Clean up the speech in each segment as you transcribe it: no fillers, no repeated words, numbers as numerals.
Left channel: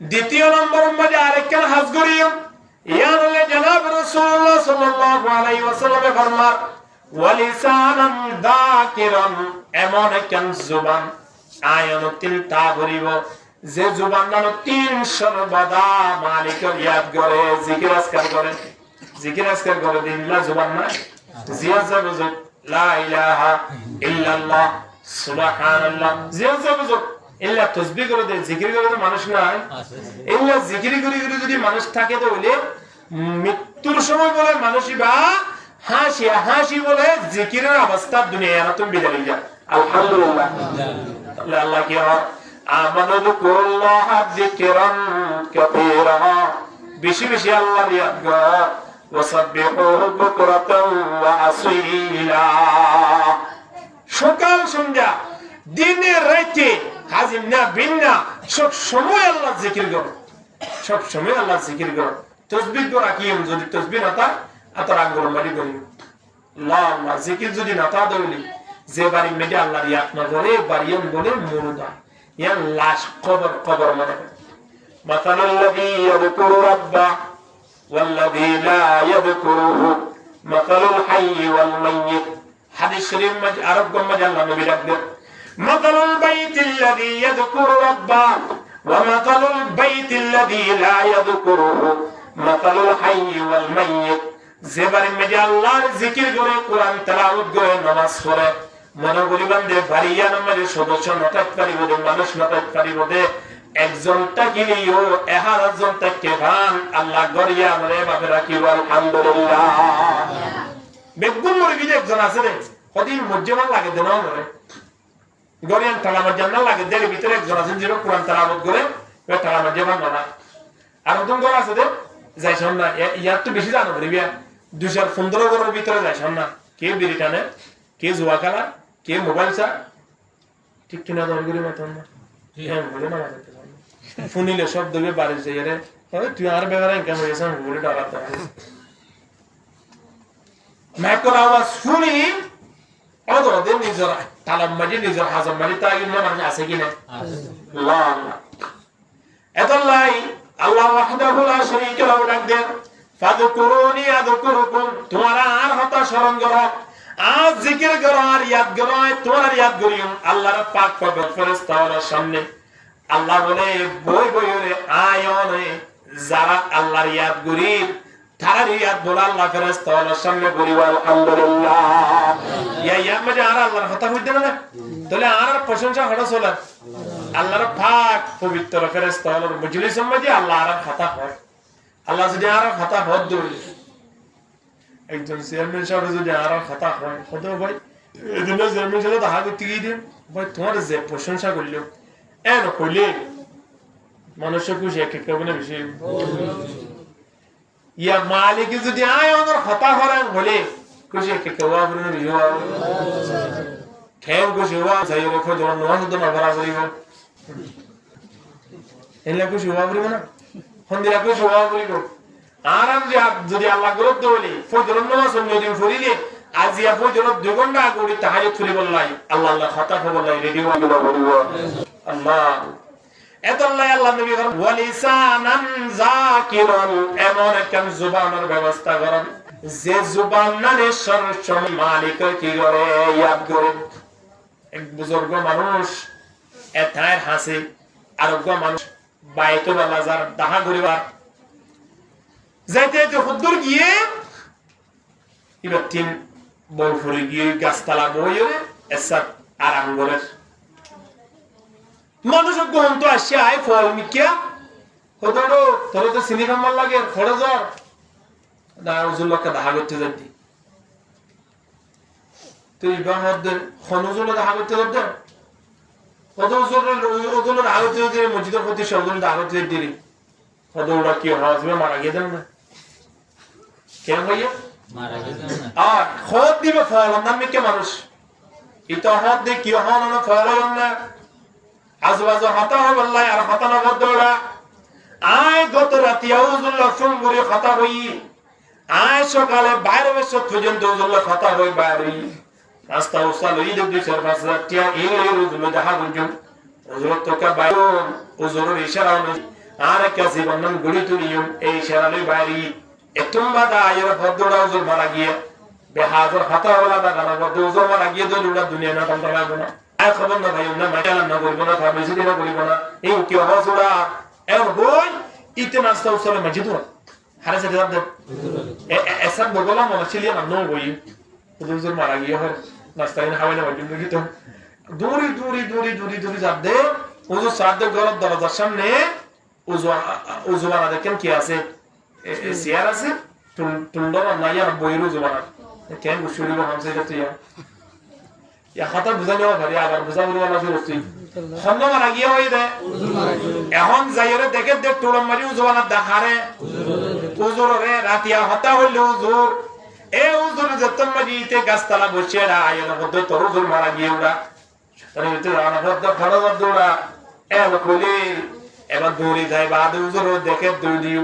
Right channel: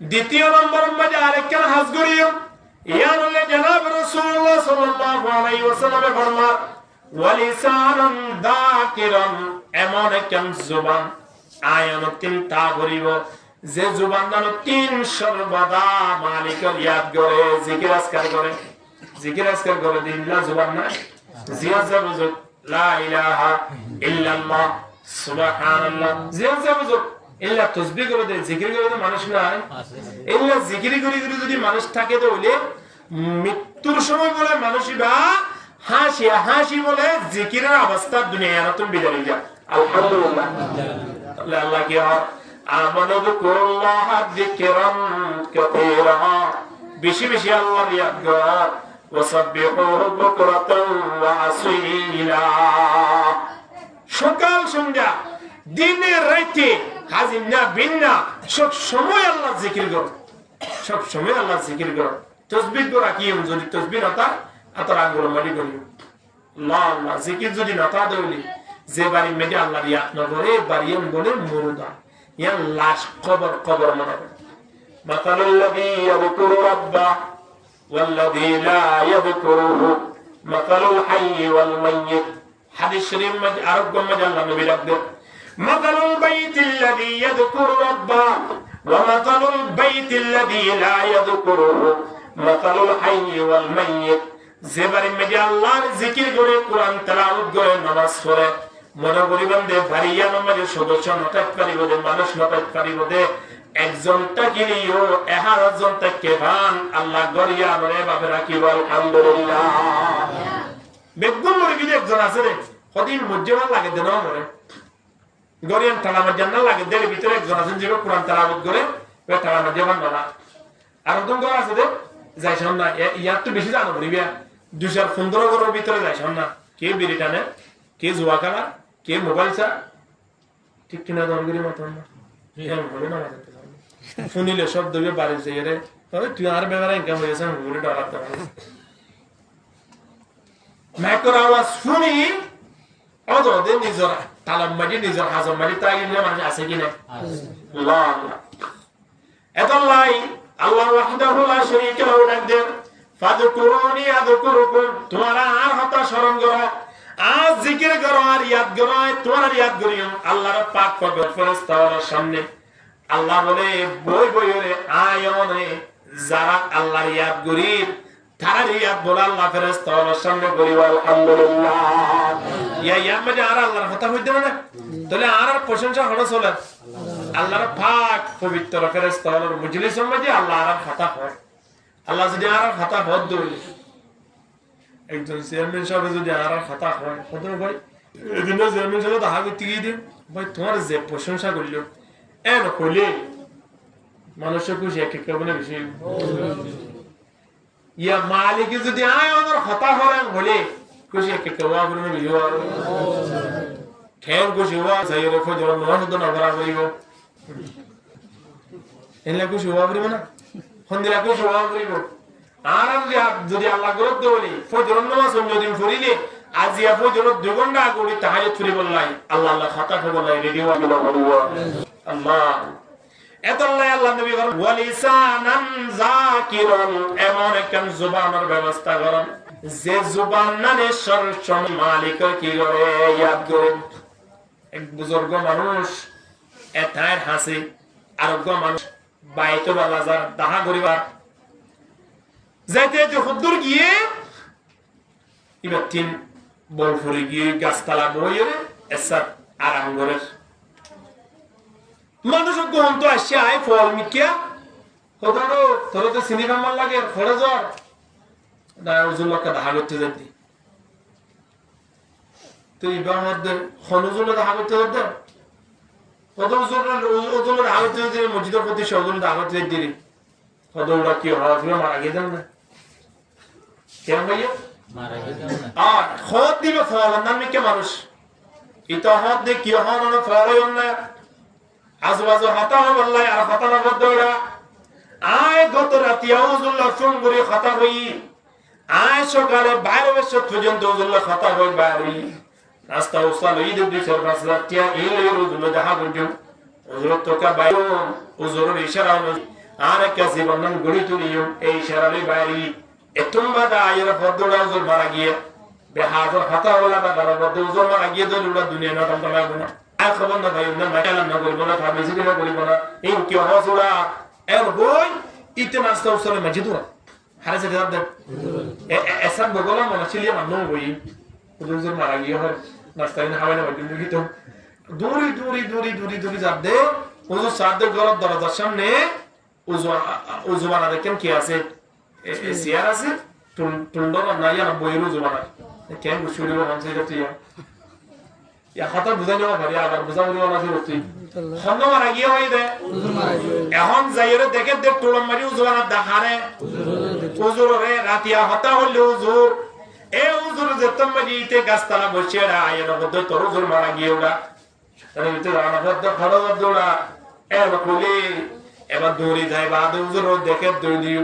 দ্বিতীয় নম্বর মধ্যে আরেকখান হাজ করিও ইয়ান হলে জনাব রাসূলুল্লাহ সাল্লাল্লাহু আলাইহি ওয়াসাল্লামে ফরমান ওয়ালিসানান যাকিরান, এমন একখান জুবান আয়ানুতিল তা করিব যে জুবান নানো তিন সর্বদা মালিকের ইয়াদ করে জিকির আজকার করে, জিকির আজকার করে দিনলা জুবান না জিয়াজা বুজুক লা ইলাহা ইল্লাল্লাহ সুবহানাল্লাহ, জিয়াজা বুজুক ইল্লা তাসবিহ করে দে, জিকির করে দে মানুষ নাই, ইল্লা জিকির করে করে যদি মানুষ থাকে তো হইলে মৃত্যুর সময় বলে মানুষই বা হাসি হাসি বলে জিকিরের অবস্থা দুনিয়া না তুমি বিদায় যা আলহামদুলিল্লাহ। তাহলে আল্লাহ কি হয় আমানু বিকুল্লাহ যিকরান কাসীরা, বেশি বেশি আল্লাহর ইয়াদ করো, ওয়াসাব্বিহুহু বুকরাতান ওয়া আসীলা, সকাল সন্ধ্যা দিনে রাতে হাজির না বিন্না সব সময় আল্লাহ জিকির করো, সব সময় আল্লাহ জিকির করো। তাসবিহ করা কি যদি তাসবিহ না তা আতর আঙ্গুল মারি করি আল্লাহ আল্লাহ জিকির যদি না তা দইলি যে বাড়ি মেডে আল্লাহর ইয়াদ না করে বাড়িয়ান বলে মুরদা ইয়ান লাশ কবর কবর মনে করে। মাতালুল্লাযী ইয়াযকুরু রাব্বা ওয়াল্লাযী লা ইয়াযকুরুহু মাতালুল হাইয়্যি ওয়াল মাইয়্যিত, হাদিস শরীফ মধ্যে আরোগ্য মধ্যে আল্লাহ নবী ডাকলেন মাতালুল বাইতিল্লাযী ইয়াযকুরু রাব্বা ওয়া মাতালুল বাইতিল্লাযী লা ইয়াযকুরুহু মাতালুল হাইয়্যি ওয়াল মাইয়্যিত, যে বাড়ি মেডে আল্লাহর জিকির করে কোরআন তেলাওয়াত করে নামাজ পড়ে মনে করিবান দে বাড়িয়া নামের সদস্য নটাত পারিব দে মানুষ নটাত পারিব দে একজনটা কিনিও 11 জন তাকে ভান আল্লাহ গরিয়া মরে বাবে রাখিব আলহামদুলিল্লাহ। বেগুন মরে বিলে একজন আছে রে কদিন মজ্জমান লাগে দেন মরে গরিয়ান তালামা জান্নাত লাগে দের ভিতরে একজন আছেন যে কোরআন তেলাওয়াত করে ওই তালামা জামান না। আর ওদম গর আছে দে যাইছন না ইয়ার তো বেশি জানো বলিবিয়া 2015 গরের ভিতরে যাইছন না কে বিড়ি টানে কে জুয়া খেলা কে মোবাইল চা ঠিক কিনা দরগরি মতন না বলে না মাথাতে ফুনিলে সব দেবে বাড়ি যাই রে তুই আর ব্যাপারে ইনকাম হয়েছে বলে ডরাতে মাইকর আওয়াজ শুনি ওদের নিজের তালাম মাঝে নিজের হাজম মাঝে তাই মানুষ আছে কিনা আল্লাহ আল্লাহ এতলাই আল্লাহ ওয়াহদাহু লা শারীকা লাহু ডাক দেন ফাযকুরুনি আযকুরুকুম, তোমারা আর হতা স্মরণ করো আর জিকির করো আর ইয়াদ করো, তোমার ইয়াদ করিও আল্লাহর পাক পবিত্র ফেরেশতাদের সামনে। আল্লাহ বলে বই বইরে আয়নে যারা আল্লাহর ইয়াদ করি তারা ইয়াদ বলে আল্লাহ ফেরেশতাদের সামনে করিব আলহামদুলিল্লাহ। ইয়া মধ্যে আর আল্লাহর কথা হইতে না তাহলে আর প্রশংসা হলো চলে আল্লাহর পাক পবিত্র ফেরেশতাদের মজলিসের মধ্যে আল্লাহ আর কথা হয়। আল্লাহ যদি আর কথা হদ দইলে একজন চেয়ারম্যান সাহেব যদি আর কথা হয় হতো ভাই এদিন চেয়ারম্যান সাহেব তো হাতে টিকি দিন ভাই তোমার যে প্রশংসা করলো এন হইলে মানুষ খুশি এক এক মানে বেশি ইয়া মালিকে যদি আয় আমার হতা হরাং হলে খুশি এক এক ওয়া করে বেশি হওয়া ঠেং খুশি হওয়া চাই রেখো যখন নয় শুধু না ভরা করিব এনলা খুশি হওয়া করিব না হন্দিরা খুশি হওয়া করিব। আর যদি আল্লাহ গ্রত বলি ফজরের নামাজ যদি পড়িলে আজিয়া ফজরের 2 ঘন্টা আগে উঠি তাহাজ্জুদ পড়ি বললাই আল্লাহ আল্লাহ খাতা বললাই রেডিও আগে বলব আল্লাহ এতল্লাই আল্লাহ নবী বলেন ওয়ালিসানান যাকিরান, এমন একখান জবানের ব্যবস্থা করেন যে জবান নানে সর্বসময় মালিকের কি করে ইয়াদ করে। এক বুজুর্গ মানুষ এথায়ের হাসি আরোগ্য মানুষ বাইতো বাজার দাহা করিবার যাইতে যাইতে হুদ্দুর গিয়ে এবার 3 বল ফুরে গিয়ে গাছতলা বইরে এসাত আরাম করে মানুষ গহন তো আসছে আয় ফল মিকিয়া হদরো তোর তো সিনেমা মাল লাগে খড়ে জ্বর দা উজুল্লাহকে দাহা করতে যাইতি তুই ইবাহত খনুজুল দাহা করতে যাইতে কত উজুল দাহা করতে যাইতে মসজিদের প্রতি সজুল দাহা করতে যাইতি হদরটা কি হওয়া যাবে মারা গিয়ে দেন না কেন ভাইয়া মারা গিয়ে আর খদ দিবে ফল নাম মিকে মানুষ ইতো হদ দে কি হওয়া মানে ফল হয় না আজবাজু হাতা হবে আল্লাহ আর হাতা না বদরা আয় গত রাতে আউযুল্লাহ ফঙ্গুরি খাতা হই আয় সকালে বাইরে বসে পর্যন্ত আউযুল্লাহ খাতা হই বাইরে নাস্তা উসাল ঈদ দুই চার পাঁচ রাত টিয়া এই রুজুল দেখা গুঞ্জু হুজুর তো কা বাইরে হুজুরের ইশারা অনুযায়ী আর কাছে বন্ধন গড়ি তুলিও এই শেরালি বাড়ি এতুম বাদা আয়ের ফদড়া উজুর মারা গিয়ে বেহাদর হাতা ওলা দাদা বদ উজুর মারা গিয়ে দলুড়া দুনিয়া না টমটা লাগবো না আর খবর না ভাই না মাইকালাম না করিব না ফার্মেসি না করিব না এই কি হসুড়া এর বই ইতে নাস্তা উসলে মসজিদ হারে সেটা দে এসব বগলা মনে ছিল না নো বই উজুর মারা গিয়ে হর নাস্তা না খাওয়াই না বইম দেখি তো দূরি দূরি দূরি দূরি দূরি যাব দে উজুর সাদে গরত দরজার সামনে উজু বানা দেখেন কি আছে চেয়ার আছে টুলডর নাই আর বইয়ের উজু বানা কেন শুরু হচ্ছে এটা তুই ইয়া কথা বুঝাই নেওয়া পারি আবার বুঝা বলি না জরুরি খন্দ মারা গিয়ে হই দে এখন যাইরে দেখে দে টুলম মারি উজু বানা দেখারে উজুর রে রাতিয়া হতা হইল উজুর এ উজুর যতম মারিতে গাছতলা বসে রা আয়ের মধ্যে তোর উজুর মারা গিয়ে ওরা তার ভিতরে রানা বদ্ধ খড় দৌড়া এ বলি এবার দৌড়ি যায় বা উজুর দেখে দৌড় দিও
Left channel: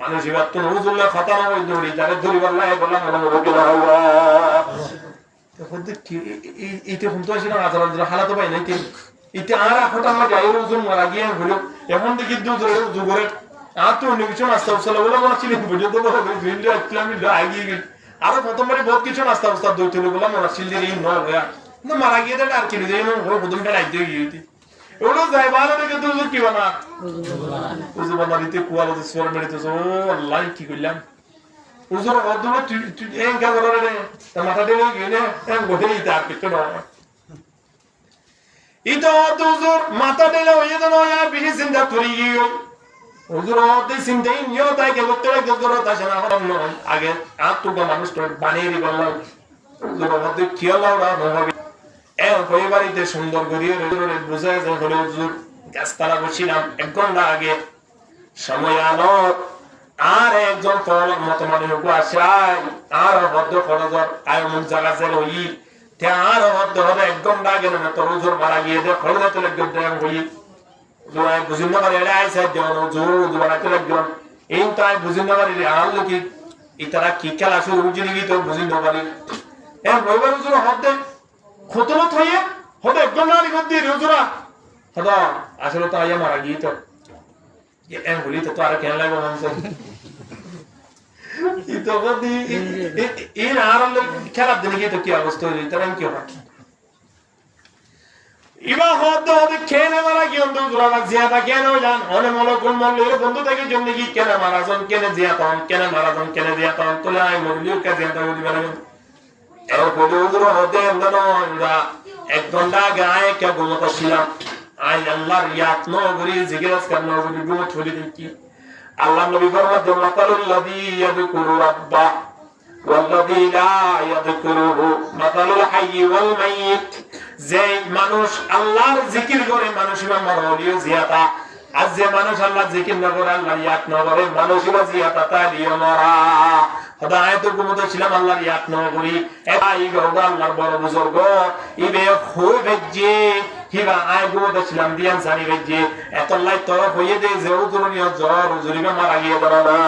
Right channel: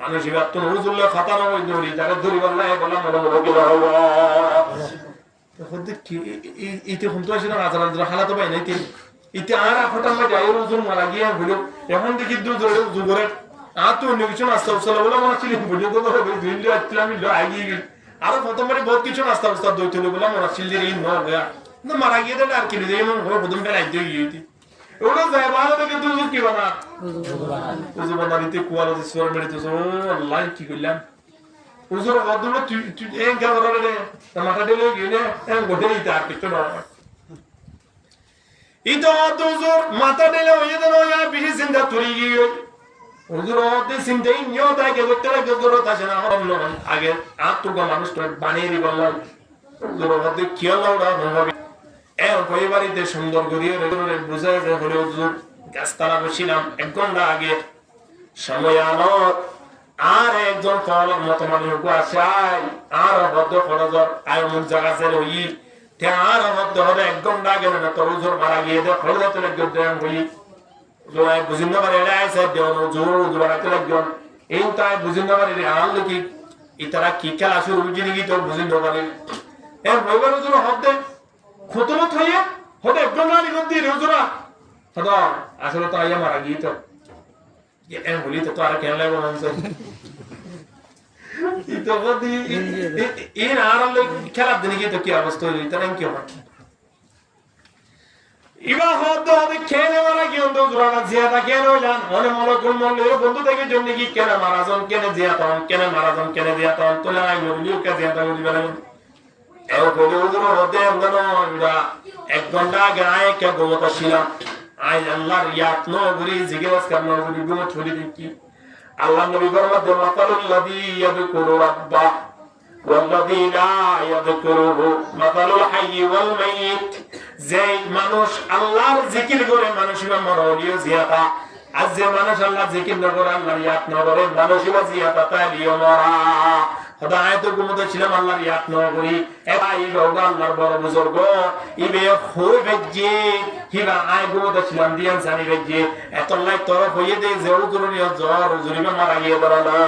মানুষ এবার তো উজুরলে কথা না ওই দৌড়ি তারে দৌড়ি বললা এ বললাম মনে মনে গেল তখন কি এইতে শুনতে আসছিল আজার হালাত পাই নাই ইতে আর আখটা আমার যাই উজুর মারা গিয়ে হইল এখন দেখি দুজোরে উজু করে আর তো অন্য কিছু নাস্তা উস্তা বলে মনে ছিল পর্যন্ত ভিন্ড আসছিলাম আগিয়ে গেল আরো প্রথমবারে বহুত কিছু নাস্তা উস্তা দই তুলে বলে মনে ছিল এই নয়া কিন্তু মারা গিয়ে দেয় আর কিনে দেয় প্রথম বেলায় দিয়ে গিয়ে ওটা যায় ভালো দেখে তুই কি বানা উজু বানারিতে কুয়ালো যে সোর মেরে তো ও আল্লাহ কি করলাম উজুর অদুরে তুই এই গা করে রে তা মাথা দিলে গিয়ে এ গোটে ইতে আর কিছু না ইতো উজুর মাথা দিলে ওই যেন ইয়া বেশি চিন্তা তুই গিয়ে উজুর অদে চিন্তাই নিও তাই কে করতে লাগে উজুর তাছে না হরম নয় আগে আর তো মানুষ তো বানিয়ে দিলাম উজুর অদে খেয়াল ওরা হবে ওই বাড়িতে সুন্দর করিয়ে বুঝায় যে হলে হুজুর গাছতলা বসিলাম 1 ঘন্টা আগে সময় আনত আর একজন ফলক মতো মানুষ আসায় আর হদ্দ খরচর আয় অমুক জায়গা ছেড়ে হই আর হদ্দ হলে 1 ঘন্টা আগে না তোর হুজুর মারা গিয়ে দে খরচা তো একজন দেন হই বুঝিন না পারে এটা আইসা দেওয়ান হুজুর হুজুর বানাতে একজন এই তাই বুঝিন না পারে আনলো কি ইতারা কি খেলা শুরু বুঝিনি কি তোর বুঝিন না পারে রবিবার হুজুর হদ্দে খতনত হইয়ে হতে একদম না নিগদ্দি হুজুরা হদা আসলে তো আইয়া মারা গিয়ে তো এম বলি তো আর কেন লাগবে মনসে ই তো বদি ইন আর খেলার দিনে গিয়ে তো কি অবস্থা হইল তার কি হবে ইবা হতে খেলে মারা কি অন্ত হুজুরা জিয়াদা কেন হইলান অনে মলকুল মল্লের বন্ধু থেকে জন্য কি কেন মারাজন কেন জিয়াতন কেন মারাজন কেন জিয়াতন তোলে আই মরলিও কে জিয়াদা হইবে না এর বলে উজুর হতে আমরা 1 ঘন্টা গায়ে কে ঘুমোতে ছিলাম আই আল্লাহর ইয়াত নগরী জিজ্ঞেস করন নগরী ঘুমো ছড়ি দিন কি আল্লাহ নবী ফরমাতে মাতালুল্লাযী ইয়াযকুরু রাব্বা ওয়াল্লাযী লা ইয়াযকুরুহু মাতালুল হাইয়্যি ওয়াল মাইয়িত যে মানুষ আল্লাহর জিকির করে মানুষের মরলিও জিয়াতা আজ যে মানুষ আল্লাহ জিকির না করে আল্লাহর ইয়াত না করে মানুষের জিয়াতা তাইও মরা খোদায় তো ঘুমোতে ছিলাম আল্লাহর ইয়াত না করি এই গৌরা আল্লাহর বড় বুজুর্গ ইবে হই বেজে হিবা আই ঘুমোতে ছিলাম দিয়ান জানি বেজে এতলাই তরফ হইয়ে দে যে উজুরিও জ্বর উজুরিবে মারা গিয়ে দাঁড়া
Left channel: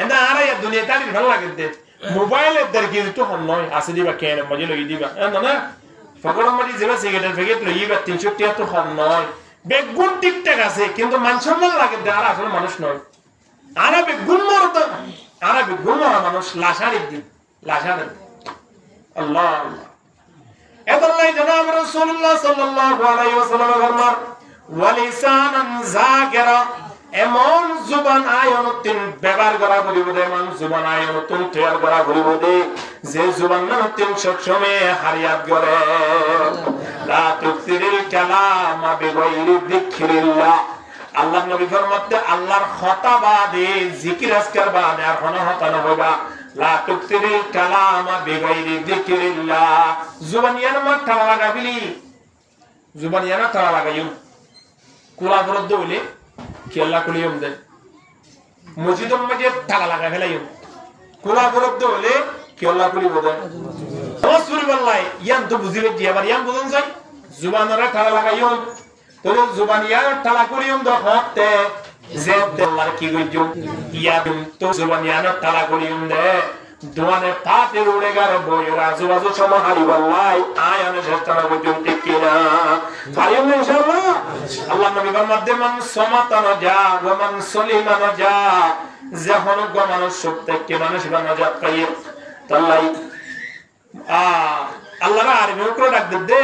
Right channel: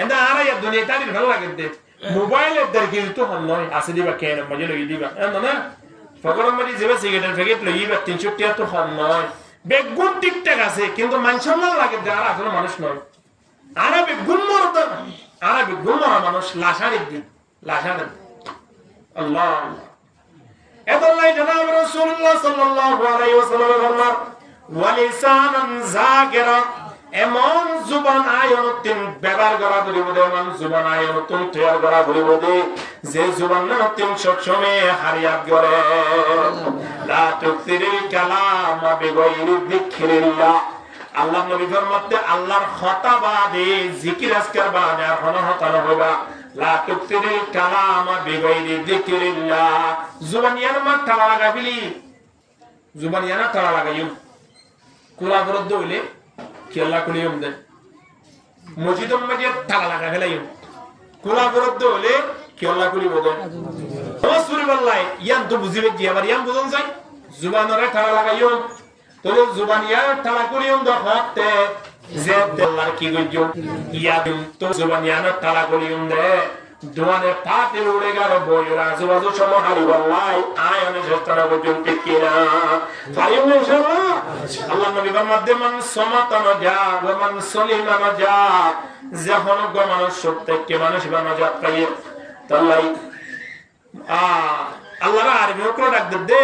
এন্ড আর এই দুনিয়া তালি ভালো লাগে দে মোবাইলের দের কি তো হন নয় আসে দিবা কেন মজে লই দিবা এন্ড না ফকরম মারি যেবা সিগারেটের প্যাকেট লইবা 300 টাকা তো হন নয় বেগুন টিকটাক আছে কিন্তু মানসম্মান লাগে দে আর আসলে মানুষ নয় আর বেগুন মরদ আরবি গুমরা মানুষ লাশারির দিন লাশারির আল্লাহ এদাল্লাহ জনাব রাসূলুল্লাহ সাল্লাল্লাহু আলাইহি ওয়াসাল্লাম ফরমান ওয়ালিসানান যাকিরা এমন জুবান আয়নতিন ব্যবহার করা করিব দে এমন জুবান আয়নতিন তৈয়ার করা করিব দে যে জুবান নতিন সবসময় হারিয়াত করে লা তুকসিরিল কালামা বিগাইরি যিকরিল্লাহ আল্লাহ নবী ফরমাতে আল্লাহর খতা বাদে জিকির আজকার বাদে আর কোন হতা না হইবা লা তুকসিরিল কালামা বিগাইরি যিকরিল্লাহ জুবানিয়ান মা তালা লাগাবিলি জুবানিয়ানা তালা লাগাইম কুলা বরদ হইলে কি আল্লাহ কুলিয়ম দে মসজিদম মাঝে তালা লাগা ফেলাইম কুলা বরদ হইলে কি আল্লাহ কুলিব দে ও সুরিবাল্লাহ ইয়ান তো বুঝিবে জি আবার ইয়ান বুঝন যাই জুবানরে তালা লাগাইম তোলে জুবানিয়ার তালা কুলিয়ম দ হতে যে আল্লাহর কি গইজো ইয়াদিম তো জুবানিয়ানা তালা কুলিয়ম দে দোয়ানে পাতে উড়ে গেলে বইয়ের আজুবাজু সময় হারি বললাই আয়নে শেষতনা বুঝুন ঠিক কিনা পারিও ইনশাআল্লাহ। আল্লাহ নবী ফরমাতে মান সমাতানো যা ওয়া মান সলিমানো যা, যখন গো মানুষ সব থেকে মানুষ বানাজাত পাইয়ে তাল্লাই আল্লাহর আরবি করে ডাক দে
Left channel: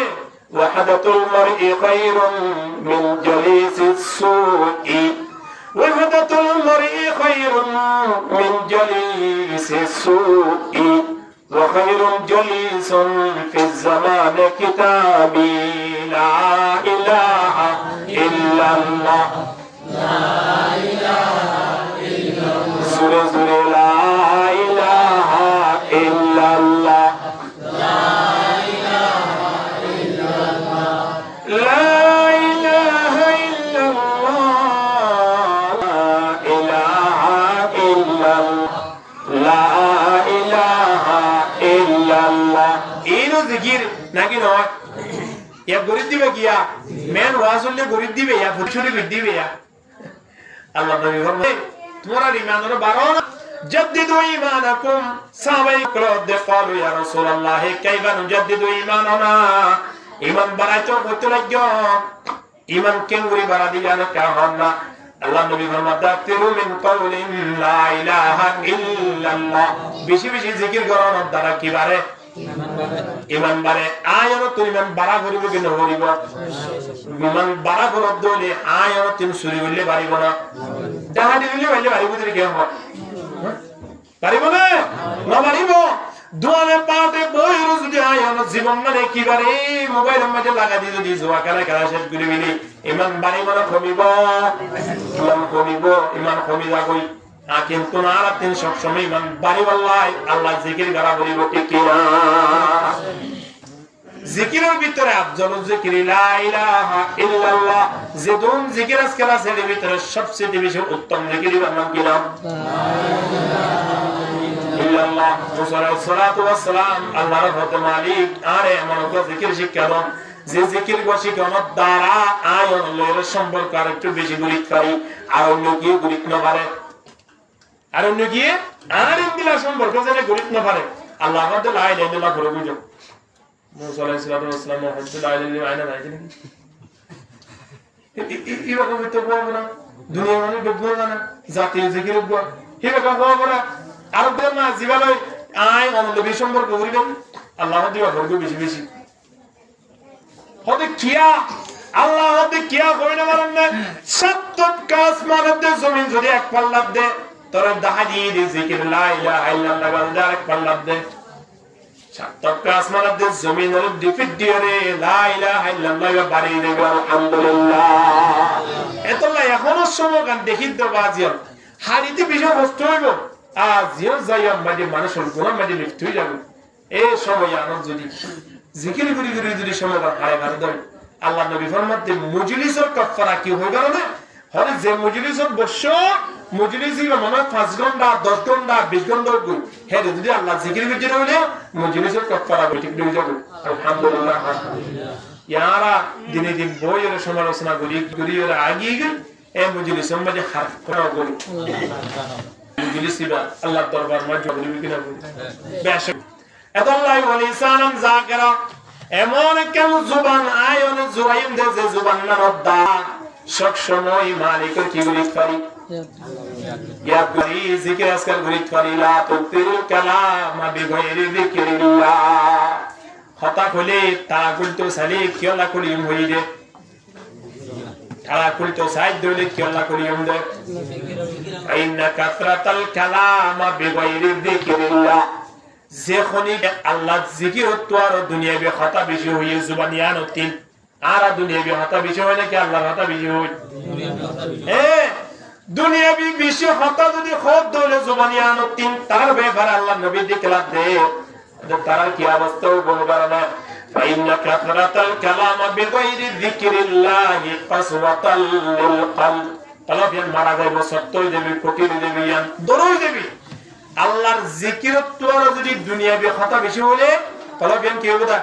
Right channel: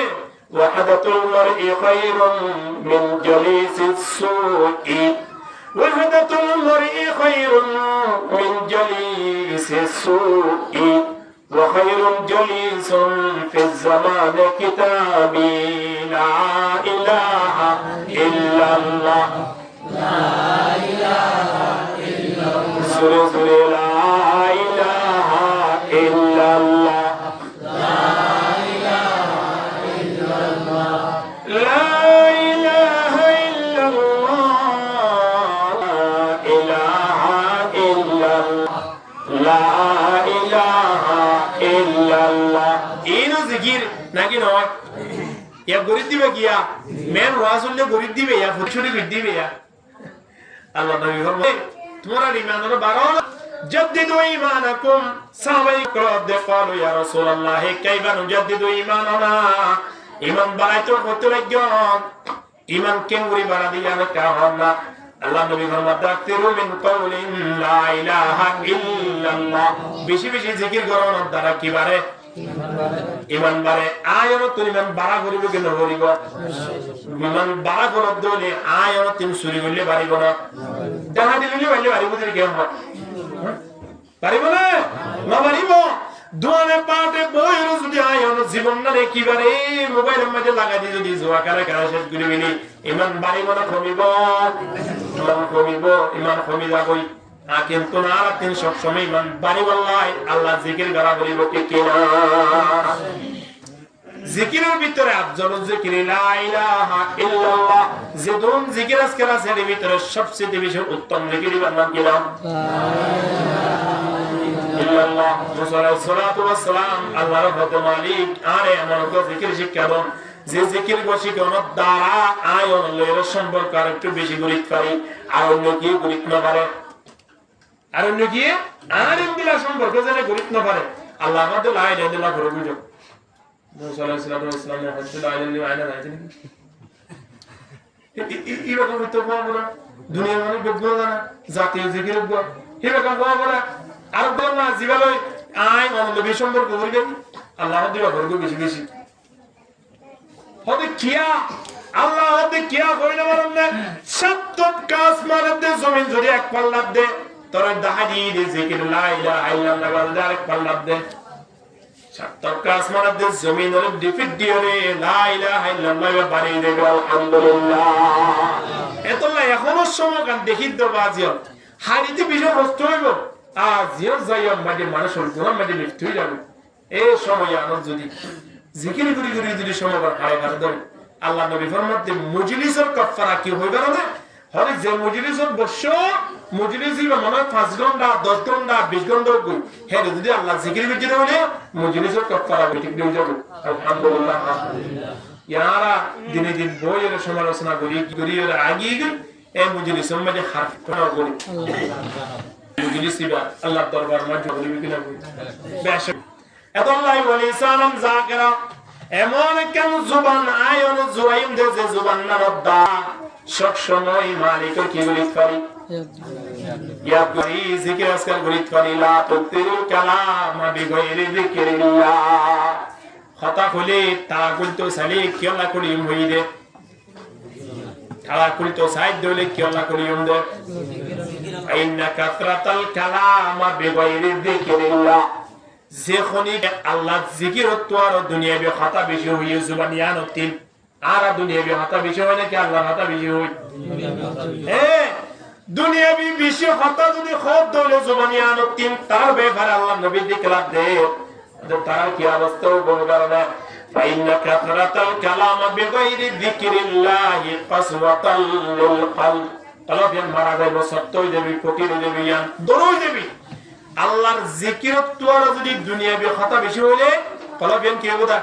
ওয়াহাদাতুল মারই খায়রুম মিন জালিসিস সুই, ওয়াহাদাতুল মারই খায়রুম মিন জালিসিস সুই, ওয়া খায়রুল জালিসুন ফিজ জামানি কিতাবি লা ইলাহা ইল্লাল্লাহ, লা ইলাহা ইল্লাল্লাহ, সুরে সুরে লা ইলাহা ইল্লাল্লাহ, নাকি নয় ইয়া গরিব দিবে গিয়া মেন ওয়াজ হলে গরিব দিবে ইয়া ফুটছুরি দিবে ইয়া। আল্লাহ নবী ফরমায় তোমার ঈমানের বাড়াও না, জাদ্দিদু ঈমানাকুম। সাহাবায়ে ক্রোধে ক্বালু ইয়া রাসূলুল্লাহ কাইফা নুজাদ্দিদু ঈমানানা, ঈমান বাড়াইতো কত লাগবে, ঈমান কেঙ্গুরি বাড়া দিয়া না কাহন না। আল্লাহ নবী ফরমায় তাকতিরু মিন কাউলিন লা ইলাহা ইল্লাল্লাহ, বেশি বেশি জিকির করার দ্বারা কি বাড়ে? ইমান বাড়ে। আয়ন তুমি ইমান বাড়া করিব কি নকরিব? ইমান বাড়া করব দলে আয়ন তুমি চুরি করলে পারিব না, ডাহাতি করলে পারলে পারিব তুমি কেন পারিব না? নপারিব। দোয়ানে পাটে বইর যদি আয়ন জীবন না দেখিবারে মোবাইলের মাঝে লাগাই দি যদি জোয়া খেলা খেলা শেষ করে ফেলি ইমান বাড়ি মানে কমিব, ইমান কমিব, ইমান কমি যাবই। কিন্তু না তিন সবসময় ইমান বাড়ি বললাই আল্লাহ জিকির করা বলিব ঠিক কিনা? জিকিরের ভিতরে আফজল জিকির লা ইলাহা ইল্লাল্লাহ, যে দুন জিকির আজকাল আছে এর ভিতরে সবচেয়ে বেশি উত্তম জিকির নাম কি নাম? ইল্লাল্লাহ। মুসা আলাইহিস সালাতু ওয়াস সালাম আল্লাহর হতে মালিক আরে এমন তো জিকির শিক্ষা দেন যে জিকির গোশি কোন দ্বারা আয়ন লয়ের সম্পর্ক আর একটু বেশি গুরুত্ব পারি, আর অন্য কি গুরুত্ব না পারে, আর অন্য কি আর ইন্দিলা সম্পর্ক যেন গুরুত্ব না পারে। আল্লাহ আমাদের লা ইলাহা ইল্লাল্লাহ করে বুঝো। মুসা আলাইহিস সালাতু ওয়াস সালাম হযরত লা ইলাহা ইল্লাল্লাহ আয়না নাইছেন কি এরকম তো বলবো না, দুনিয়া মানে বেগুনা জানা জাতীয় জিকির বল এরকম বলবো না। আর বল না জীবালয় আয় অনলবি সম্পর্ক করিবেন আল্লাহ দিবা করবে বেশি বেশি হতে কিয়া আল্লাহ হতে কিয়া কই না মারন না সাতত কাজ মারদ দে জমিন যদি এক পাল্লা দে তোরে দাহাদি দি জিকির লা ইলাহা ইল্লাল্লাহ বলদে আরেক পাল্লা দে সাতত কাজ মারদ দে জমিনের ডিফিট দিরে লা ইলাহা ইল্লাল্লাহ বাড়ি দেবে আলহামদুলিল্লাহ। এতলা এখনো সমকান দেখিত তো বাজিও হাড়িতে বিষয় বস্তু হইব আজিও যাইয়া মাঝে মানুষের গুণা মাঝে লিপ্ত হয়ে যাবে। এই সময় আনন্দ যদি জিকির গুরি গুরি যদি সময় হারে হারে দেয় আল্লাহ নবী ফরমাতে মজলিসের কাফারা কি হইবার না হরে যে মজলিসের বর্ষ মজলিস হইবা মনে 5 ঘন্টা 10 ঘন্টা 20 ঘন্টা গই হ্যাঁ যদি আল্লাহ জিকির বিজির হইলে মজলিসের কাফারা ঠিক হয়ে যাবে আলহামদুলিল্লাহ। ইয়ারা দিনে দিন বইয়ের সমালোচনা করি করি এর আগে এই মজলিসের মাঝে হারফ করা করি মজলিসিবা আল্লাহর দরবার মাঝে বলি কিনা বেশ এতলাই ওয়ালি সালাম যাকেরা এমন কেন জুবান আয়নে জুরাইম দে যে জুবান না দা সব সময় মালিকের কি বলিত পারি ইয়া করি জিকির আজকাল বলিত পারি লা তুতিল কালাম বিগাইরি যিকিরিল্লাহ কথা কইলে তারা কইতো সালে কিলা করিম হইদে তারা কইতো সাইদ দলে কিলা করিম দে আইনা কাতরাতাল কালাম বিগাইরি যিকিরিল্লাহ যে খনিক আল্লাহ জিকিরত তো আর দুনিয়াবি কথা বেশি হইয়ে জুবানিয়ান তিল আর দুনিয়াবি কথা বেশি হয় নাকি আল্লাহর কথা বেশি হই? দুনিয়াবি বেশি কথা যদি খোদ দলে জুবানিয়ান তিন তার ব্যাপারে আল্লাহ নবী দিকলা দে তার কি অবস্থা বলবার না ফাইন্না কাতরাতাল কালাম বিগাইরি যিকিরিল্লাহি কাসওয়াতাল লিল কলব তালাফিয়ান মারা যাইব সত্যই দেবী কোটি দেবী ইয়ান দরই দেবী আল্লাহর জিকিরত তো আর যদি দুনিয়াবি কথা বেশি হলে কলবিয়ান কি হবে তা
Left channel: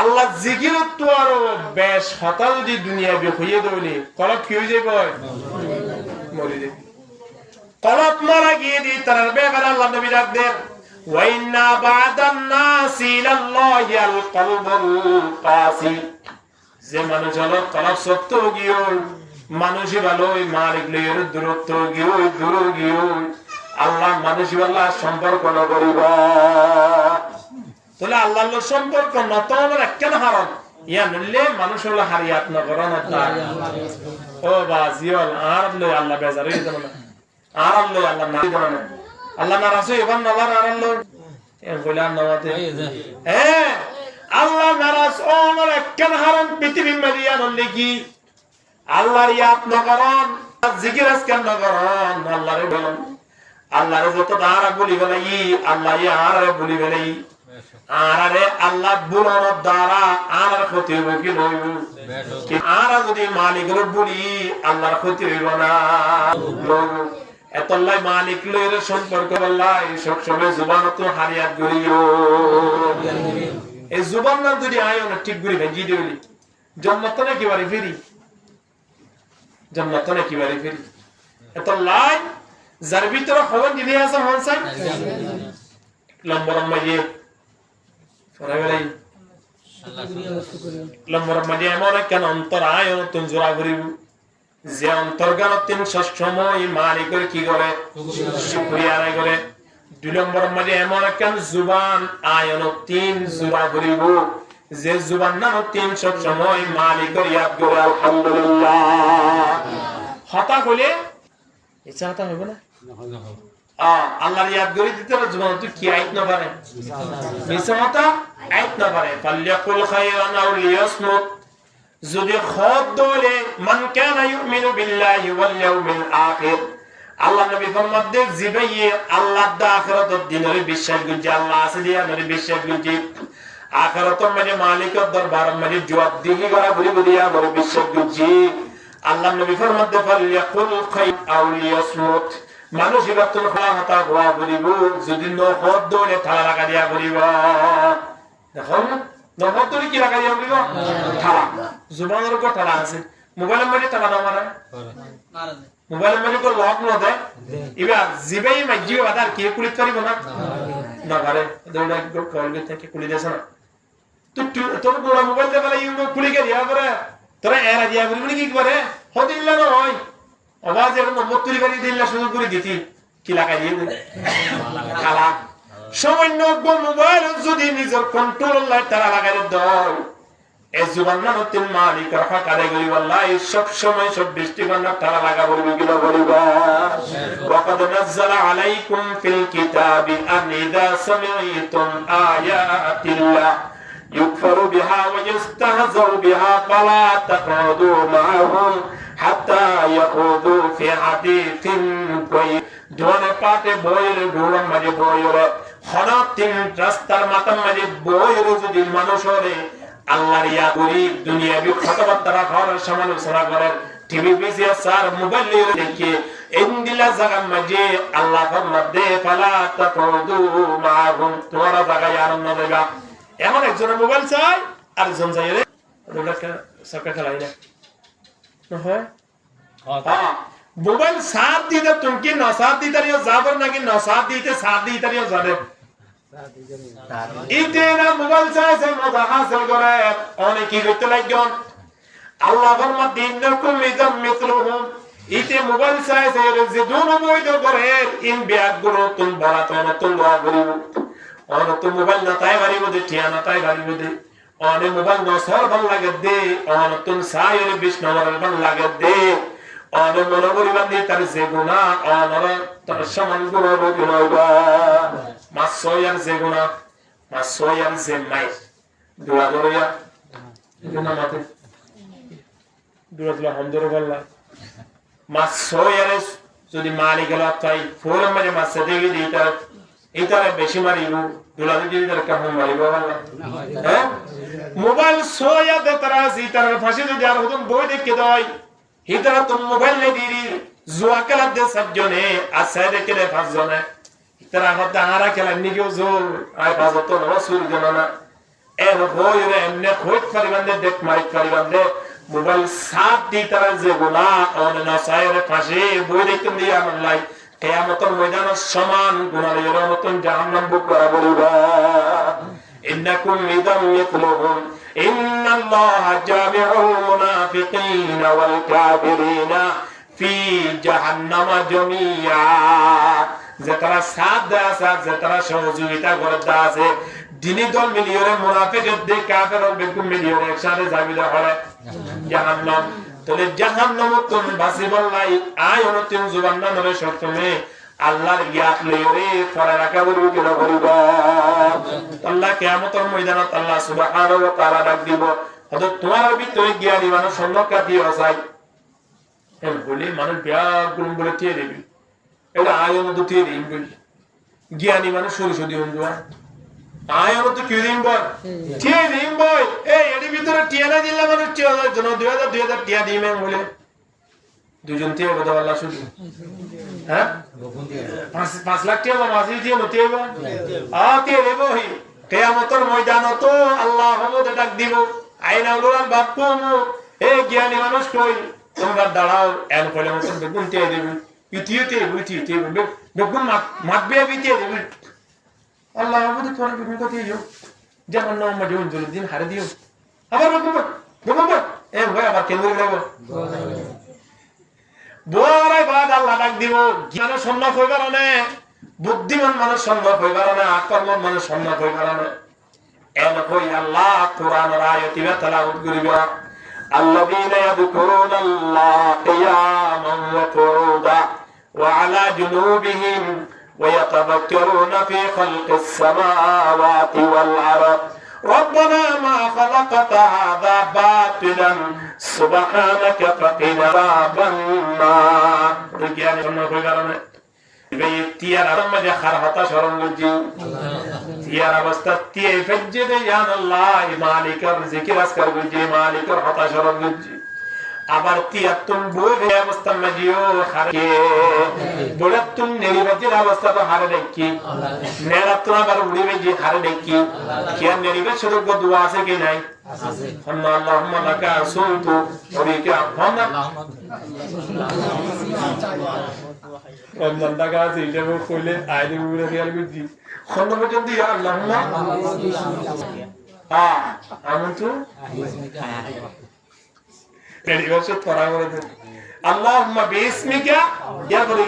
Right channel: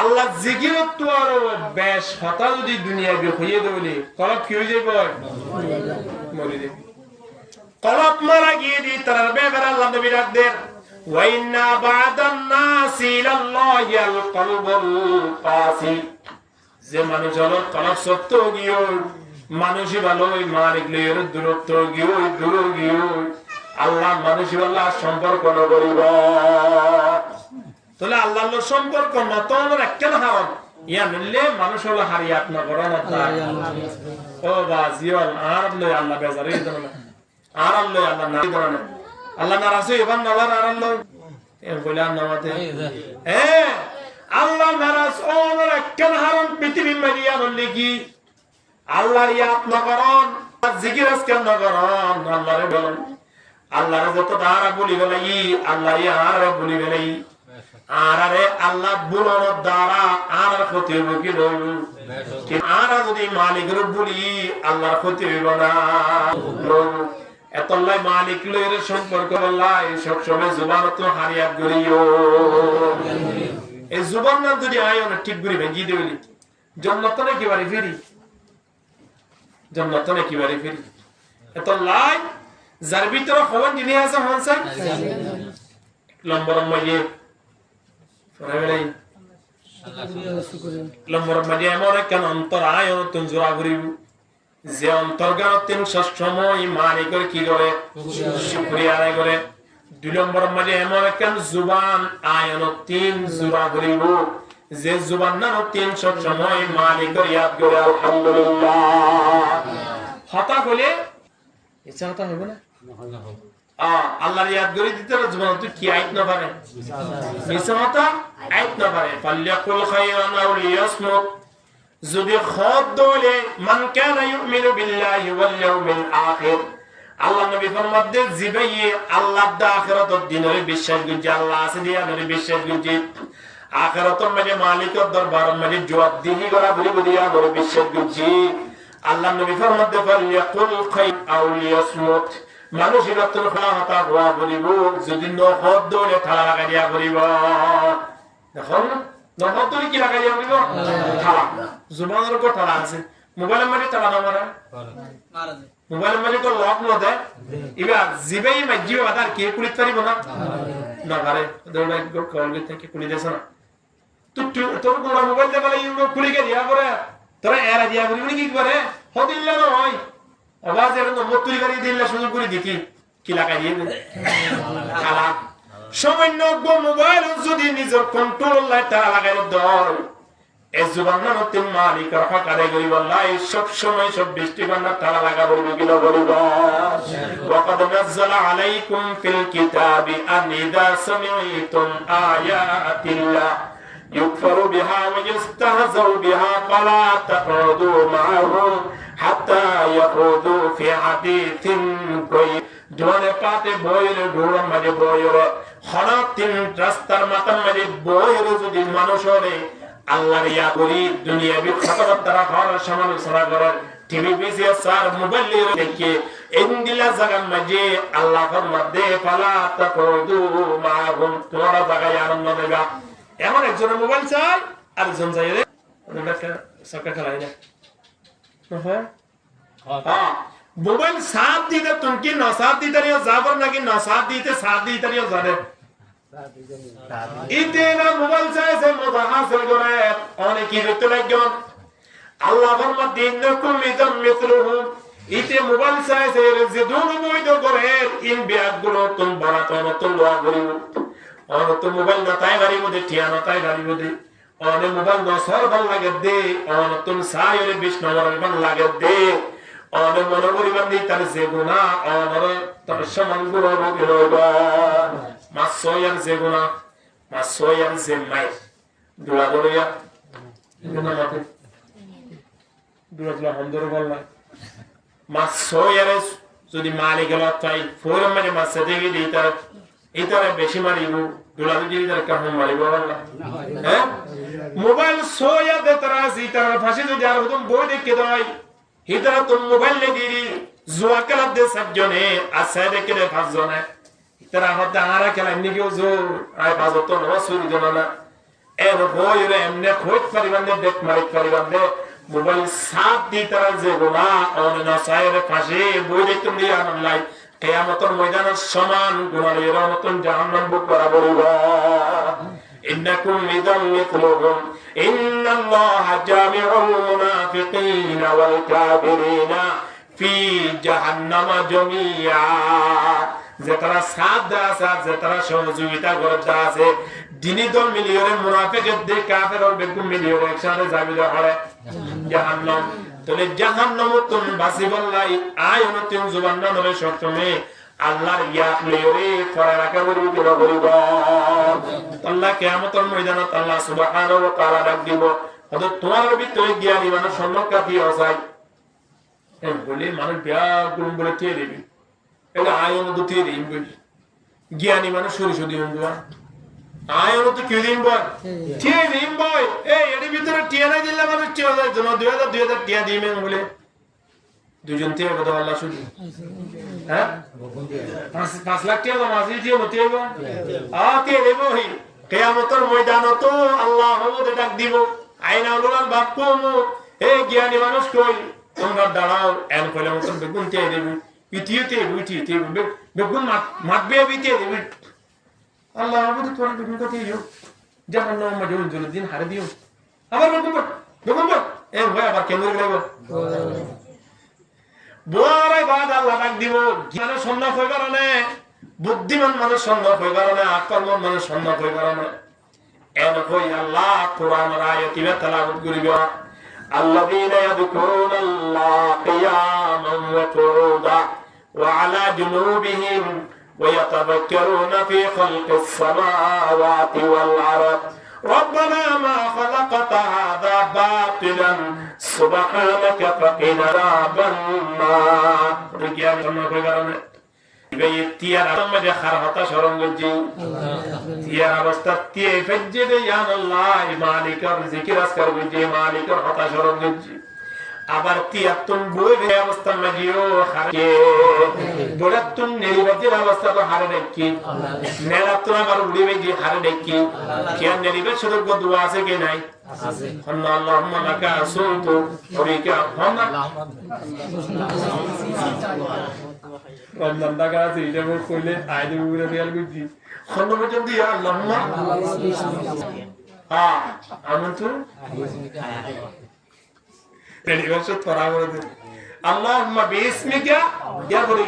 আল্লাহ জিকির তো আরো বেশ হতা যদি দুনিয়া হইয়ে দৌলি কলব কি হয়ে যাবে মরে যাবে কলব মারা গিয়ে দি তার ব্যাপারে আল্লাহ নবী ডাক দেন ওয়াইন্না বাদান নাসি ইলাল্লাহি আল কলবুল কাসি যে মানুষ হলো কলব শক্ত গিয়ে মানুষই ভালো ওই মালিক লইয়ের দূরত্ব গিয়ে দূর গিয়ে আল্লাহ মানুষই আল্লাহ সম্পর্ক ন করিবা তাহলে আল্লাহর লোক সম্পর্ক না তো একটা হারন ইয়া নিলে মানুষ হলো হারিয়াত না করো না ও বাজিওল আর লই আল্লাহ বেজার হয়ে যাবে না আর লই আল্লাহ না দিবে না আল্লাহ নারাজ হই এবার নলার আর লই এ কইলা নওয়াতে আল্লাহ নারাজ ওর একটা হারন পৃথিবী মারিয়া নলে কি আল্লাহর ইয়াত না করন জিকির আজকাল না করন আল্লাহরে বলেন আল্লাহরে যত দাঁড়া বলি বেলাই আল্লাহ ইয়ারে বলি বেলাই আরে আল্লাহ বুলর দ্বারা আর ক্ষতি হইব কি নইব কি আর যদি মালিকের বলি আল্লাহর ক্ষতি হইব না এতলাই মালিক লয়ের সম্পর্ক আল্লাহ সব সময় জুবান তো হারিয়াত করিও এই জুবান না যদি আয়ো না ঠিক করি ভেঙ্গি দেবলি জান্নাত না কিবারে ফিরি জান্নাত না কিবারে ফিরি এতলাই যার ভিতরে খবর দিনে আছে হনসাই লম্বর মাইয়ে লম্বর মাঝে এমন কেন অন্তর আয় নতুন জোড়া ঘুরিব যে অন্তর্গান তিন সময় মালিকের কি করে শুকরিয়া আদায় করে 2 নম্বর মাঝে এমন কেন জুবান আয়ন 3 জোড়া ঘুরিব যে জুবান না 3 সময় মালিকের ইয়াদ করে আলহামদুলিল্লাহ হতা হলে ইচ্ছা হতা হবে না আল্লাহর ইয়াদ করে দিতে জুবান তুই কি আইত না পারে মিছামতা আইত না পারে ফাল্যাকুল খায়রান আও লিয়াসমুত যদি খদ দলে মান কানা ইউমিনু বিল্লাহি ওয়াল ইয়াউমিল আখির আল্লাহ নবী ফরমাতে জিবাইয়ে আল্লাহ দা আখিরাতের দিনের বিশ্বাস গুজি আল্লাহ আছে দিয়া নবী বিশ্বাস গুজি আখিরাতের মানে মালিকের দরবার মানে জবাবদিহি করা বলি দিয়া নবী বিশ্বাস গুজি আল্লাহ নবী ফরমাতে ফাল্যাকুল খায়রান আও লিয়াসমুত মানুষ ইবাদতুল খালাহতা গোয়া করিব যদি নহদ দলে থালা লাগা দিয়া করিব দেখো নহদ দলে কি লাগা দিয়া করিব থালা জুবানের উপর থালা আছে মোবাইলের মধ্যে থালা না মারা মোবাইলের মধ্যে কো লক ন দে ইবা জিবেই মাইজিবে বাদার কি কুলিত পারিব না না পারে দৌড়া কি কল গে থেকে কুলি দেছ না তোর গোড়া মোবাইল দে বলা ইউ কুলি গে দিয়া করে তোরা এরা দিয়া করিব নি কি করে হদিল্লা নয় আওয়াজ এর নম্বর তুলি বাড়ি দিল্লা শুরু করে দিতি কি লাগাই দিয়ে দে খালা সামান্য মোবাইল যদি নিজের কন্ট্রোল লাই তারা লাগাই দর এই জুবান না নতুন মালিকের হক আদায় করি আল্লাহ সব সময় 24 ঘন্টা তারা লাগা বলবি কি না বলিবা ওয়াকাদ নাযালা আলাইকুম ফিল কিতাবি আন ইযা সামি'তুম আয়াতিল্লাহ ইউকফারু বিহা ওয়া ইস্তাহজাউ বিহা ফালা তাকুদু মা'আহুম হাত্তা ইয়াকুদু ফি হাদিসিন গায়র ধনে পাতে বইয়ের ঢোড়ন মাঝে বইয়ের হঠাৎ তিন রাস্তার মাথার মাঝে বইয়ের যদি মানুষ হলে আল্লাহর ইয়া করি দুনিয়াবি কথাবার্তা রাখার সমালোচনা করেন টিভি বিসিএস আর মোবাইল দেখে ইন্দিলা জায়গার মাঝে আল্লাহ ফরমাতে ফালা তাকুদু মা'আহুম তোমরা জায়গায় আনন্দ নেবা এমন একজনের মোবাইল চাই আর একজন চাই রে ওটা সরকার খেলাই না হয় মোবাইল সাথ দিতে তুমি কি না সাথ দিতে রিও যাবর নাকি না সাথ দিতে সাথ দিতে রিও যাবে ইতে না মোবাইল চাইছে মজা হাসিল করে অনেক কি করতে লাগজন আল্লাহ ফরমা দিনকুম মিজাম মিসলুহুম ইতে মোবাইল চাইছে যে দুনো বৈধ করে ইন বিয়াগুলো তুমি বরাত নতুন দোয়া করিব অনত মোবাইল না তাই বাড়ি মধ্যে ঠিয়ানা তাই বাড়ি মধ্যে অনে মোবাইল ন সর ভাল লাগে দে অনতুন সায়রে 20 নম্বর ভাল লাগে দে অনে মনে করিবান দি তার যে গুনাহ অনর তার সমান গুণ রবি হইবা মাসয়ার যে গুনাহ মাসয়ার যে মাই দুলা দরিয়া গুনাহ মতে দুলা দুলা হমদর বললা মাসয়ার যদি মালিক গেল তাই ফোরম মানে মাসে দেখি দিতা ইতারে বেশি মারিব দুলা যদি তার কাম মারিব আল্লাহ হ্যাঁ মোবাইল সোয়া দে তারা সিতার ফাঁসি যদি আর হতুম বই দেখে দই হিতারা তুম মোবাইল নে দিরি জুয়া খেলা দে সাতজনে আসায় দেখে দে 5 জনে হিতারা হতে আরা খেলা নিকেও জোর আয় 5 তো নসুর জন না এর হইরে এমনে হইত পারিবান দে দেখ মারিত পারিবান দে মোবাইল সাত দি তারা যে গোনা অন নসায়ের ফাঁসি বই দেখতে দিয়ে আমার লাই কিয়ামতের ময়দানের সমান গুনাহ এর মতন জাহান্নাম বুক করা বলিবা ইন্নাকুম ইদাম মিথলুহুম ইন্নাল্লাহা জামিউল মুনাফিকিনা ওয়াল কাফিরিনা ফি জাহান্নামা জামিয়া। যে তারা সাথ দেয়া আছে যে তারা সহযোগিতা করতে আছে দিনী দল মিলিয়রে মুনাফিকের দে কাফের বেকুম মিলিয়রে একসাথে যাবে হয় জাহান্নাম। তাহলে জাহান্নাম তুন বাসিবাল্লাই আয় অনতিন জুবান্না নরে সপ্তমে আল্লাহর ইয়াত লইরে পরে রাখা বলবো কিনা বলবা আল্লাহ কিয়ামতের ময়দানত আল্লাহ সুবহানাহু ওয়া তাআলা ডাক দিব হয়তো তোমার ভিতরে জ্ঞানী মানুষ সন্ন্যকা দিয়ে অসাই বলে মানুষ বিয়ার গুণ বলে কে দিবি এটা আয়ন তো তে দিন বলি জ্ঞানী মানুষ সরু সদি হন্দুয়া আয়ন তো কে দিন বল কে দিন বই এই এর ভিতরে টিয়া না দিলে মানুষ টিয়া যায় জন 2000 টিয়া দিমে বলে দুজন টিয়া কথা আল্লাহ শুনি হ্যাঁ 5 লাখ টিয়া মাসি টিয়া নতে বা তে দেব হি কিয়ামতের ময়দানত আল্লাহ হবুদ ডাক দিব আইনা উলুল বাপ্পু এই জ্ঞানী মানুষ কই তোমরা দাঁড়াও এন কইলে মতন বেগুন টিয়া দিবি ইতিতে বুইতিতে বেগুন মাতবে বিতে দিবি আল্লাহ হবুদ তোরা বেগুন কত দিও জাহান্নাম মা জোন দিন হারে দিও আবার বেগুন এ ভাই আবার কেন করে গেলাইবো বড়াই বাদ আল্লাহ ডাক দিব জ্ঞানের সম্মান হই কারণে বুদ্ধিমান মানুষ সম্মান হই কারণে আকর্মণ মানুষ সম্মান হই কারণে এন কই আল্লাহ কোরআনের আয়াতিবে তেলাওয়াত করিবা الذين يذكرون الله قياما وقعودا وعلى جنوبهم ويتفكرون في خلق السماوات والأرض ربنا ما خلقت هذا باطلا سبحانك فقنا عذاب النار তিয়ার মধ্যে খারহতা শরণগঞ্জি তিয়ার অবস্থা তিয়াই ফজ্জে দে ইয়া আল্লাহ মালিকের জিকির আজকার গঞ্জি মালিকের হতা শরণগঞ্জি আবার তিয়াতুন বই বে অবস্থা মজিও খারে বড়াতুন নেরিবাজির অবস্থা তো হারে দেখি নেরাতুন আবার উড়িবে জি হারে দেখি কিয়া নেরিবে শুরু কো দোয়া আছে কি নাই আছে আল্লাহুম্মা লাকা আসুনতু ওরিকা হনা রমজান টাকা আছে এটা কইলে আইলে উড়ে রিয়াল গজি খন্ড পর্যন্ত ইয়া আল্লাহুম্মা আমন্তু রেডি বসে তোরা করে দে আল্লাহুম্মা বিসমিকা ইয়া করে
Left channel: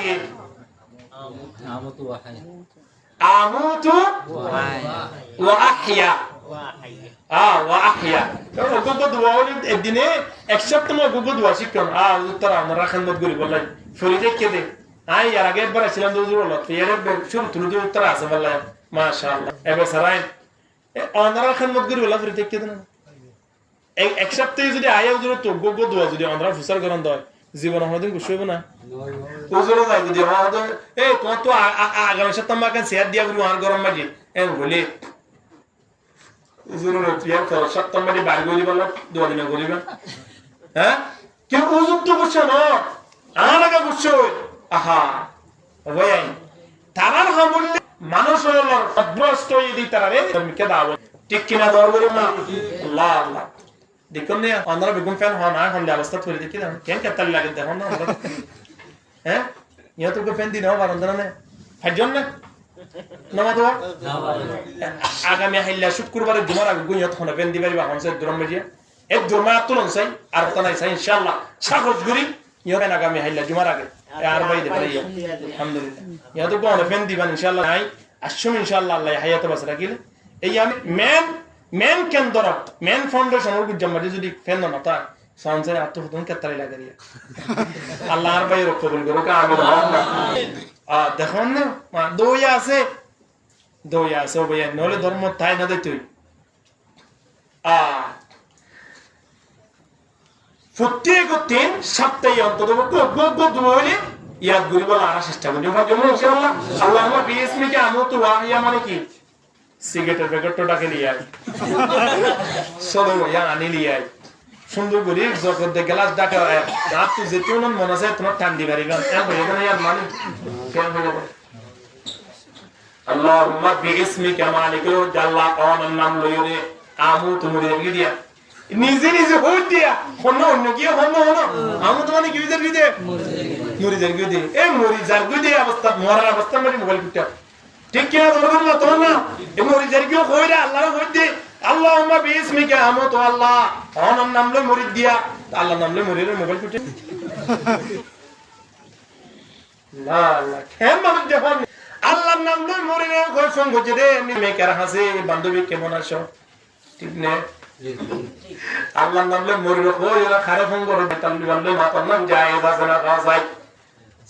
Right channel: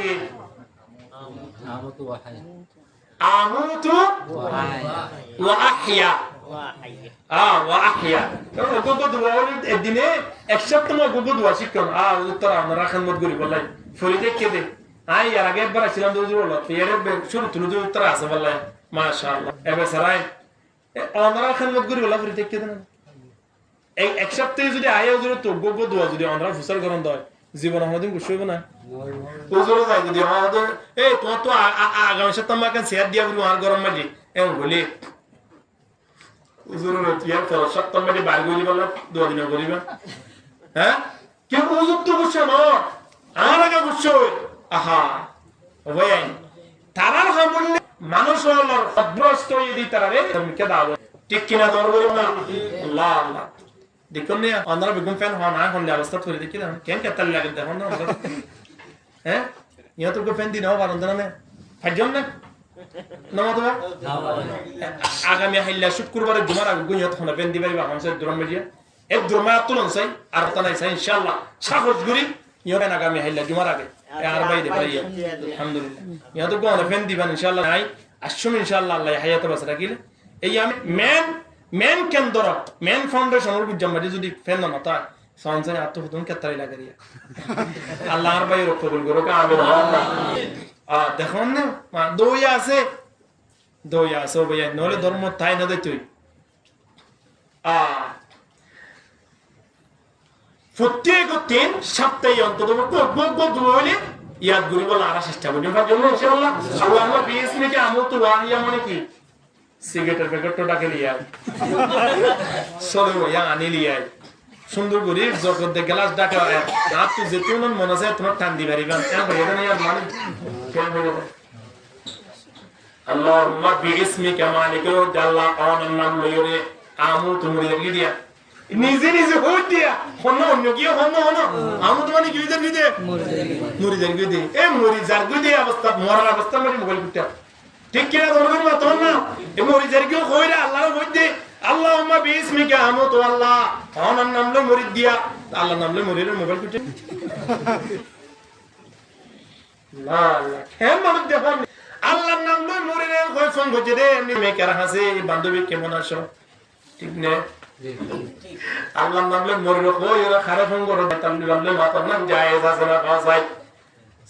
আমুতু ওয়া আহইয়া ওয়া আহইয়া গোগো দোয়া হল একদিনে এক সপ্তাহ গোগো দোয়া শিখুন তোরা আমরা খানমত করি বললাই ফরিদে কে দে আই আর আগে একবার ছিলাম দুজুর হলো এর শুরু তুলু দুই উত্তর আছে বললাই মাশাআল্লাহ এবে সারাই অনরা খানমত করি বলা ফরিদে কে দেন এক সপ্তাহে যদি আয়া উজুর তো গোগো দোয়া যদি অনরা ফুসার করন দয় জীবন আমাদের গুছ হইব না উজুর যায় যদি আমাদের এই তোমার তো আগামী সপ্তাহ আমাকে শেয়ার দিয়া বলি আর গরম মাঝি এম বলি উজুর তিয়ার তো সপ্তাহ মাঝি বার গরি বলা দোয়া দিন করিবা হ্যাঁ কেউ উজুর তো বুঝছ না আর আগে বুঝছ আহা ওই আইন তারার হামলে মানুষ হলার অভ্রষ্ট ইদি তারারে ধর্মকে দাও ঠিক কিনা দর করিব না আল্লাহ আল্লাহ দেখুন না আমরা বেগুন ফ্যান হন আর হন অবস্থা ধরে দেখি না কেন কেতাল লাগে দেখুন না হ্যাঁ ইয়া তো ফ্যান দিন হওয়ার অন্তরা না ফাইজন না নামা তো আগামী হাইলা শুক্রবারে জুমার আগে গুনিয়ত হন ফ্যান দিবারি বা হনসে দুরম বেজিয়া এক দুরমা তুলন চাই আর তা নাই চাই ইনশাআল্লাহ সাগর গুরি ইয়া আগামী হাইলা জুমার আগে আর ভাই দে ভাই আলহামদুলিল্লাহ ইয়া তো কোন ফ্যান দিবেন ইনশাআল্লাহ নাই আসুম ইনশাআল্লাহ আল্লাহ হায়াত বাস রাখিলে এই আমি মেন কেন্দ্র মেন ফাউন্ডেশন ওর জমাদি যদি ফেন না তা সঞ্চয় আত্মহতন কেতারি লাগে রিয়া আল্লাহর ভাই কবুল করো আমি দেখুন না দইয়া আছে ভাই নলে ধর্ম তাই না দে তুই প্রত্যেক 3 সপ্তাহে অন্তত বলে ইয়াদ করি বলা আর চেষ্টা করি ভাই জন্য ইনশাআল্লাহ আল্লাহুম্মা বিইসমিকা আমুতু ওয়া আহইয়া মানে কি সিগারেটের প্যাকেটটাকে লিয়ে আই সরো ইয়া আনি লিয়ে আই সুন্দর করে যখন দে গ্লাস ডাকা রাত তো যেতুন মন আছে তোমার টান দি পারিবেন এর হয়ে না ইয়ার মানে কেন হয়ে যায় আল্লাহুম্মা বিইসমিকা মালিকুল আল্লাহ কোন নাম লইরে আমু তো মরি যার দিয়া নিজে নিজে হই দিয়া হন অন্য কি হন আমু তো মানে কি যার কি দে মরি যার কি দে এ মরি যার কি দে অবস্থা মরার অবস্থা মানে মোবাইল কুটা ঠিক কি না দরকার না তোমার না এ মরি যার কি কইরা আল্লাহর কই দে আল্লাহুম্মা বিসমিকা আমু তো আল্লাহ অনার নাম লই মরি দিয়া আল্লাহর নাম লই মরির মোবাইল কুটে লা লা কেন মানুষ দেখুন আল্লাহর নাম লই মরিরে কই ফোন করছে রে মেকার হাসে বান্ধবী কেমন আছো ঠিক না আল্লাহর নাম লই মরিরে কই ওরা খারাপ ফোন করে তাল্লি বাল্লে মাতার নাম যায় আছে না পাওয়া যায়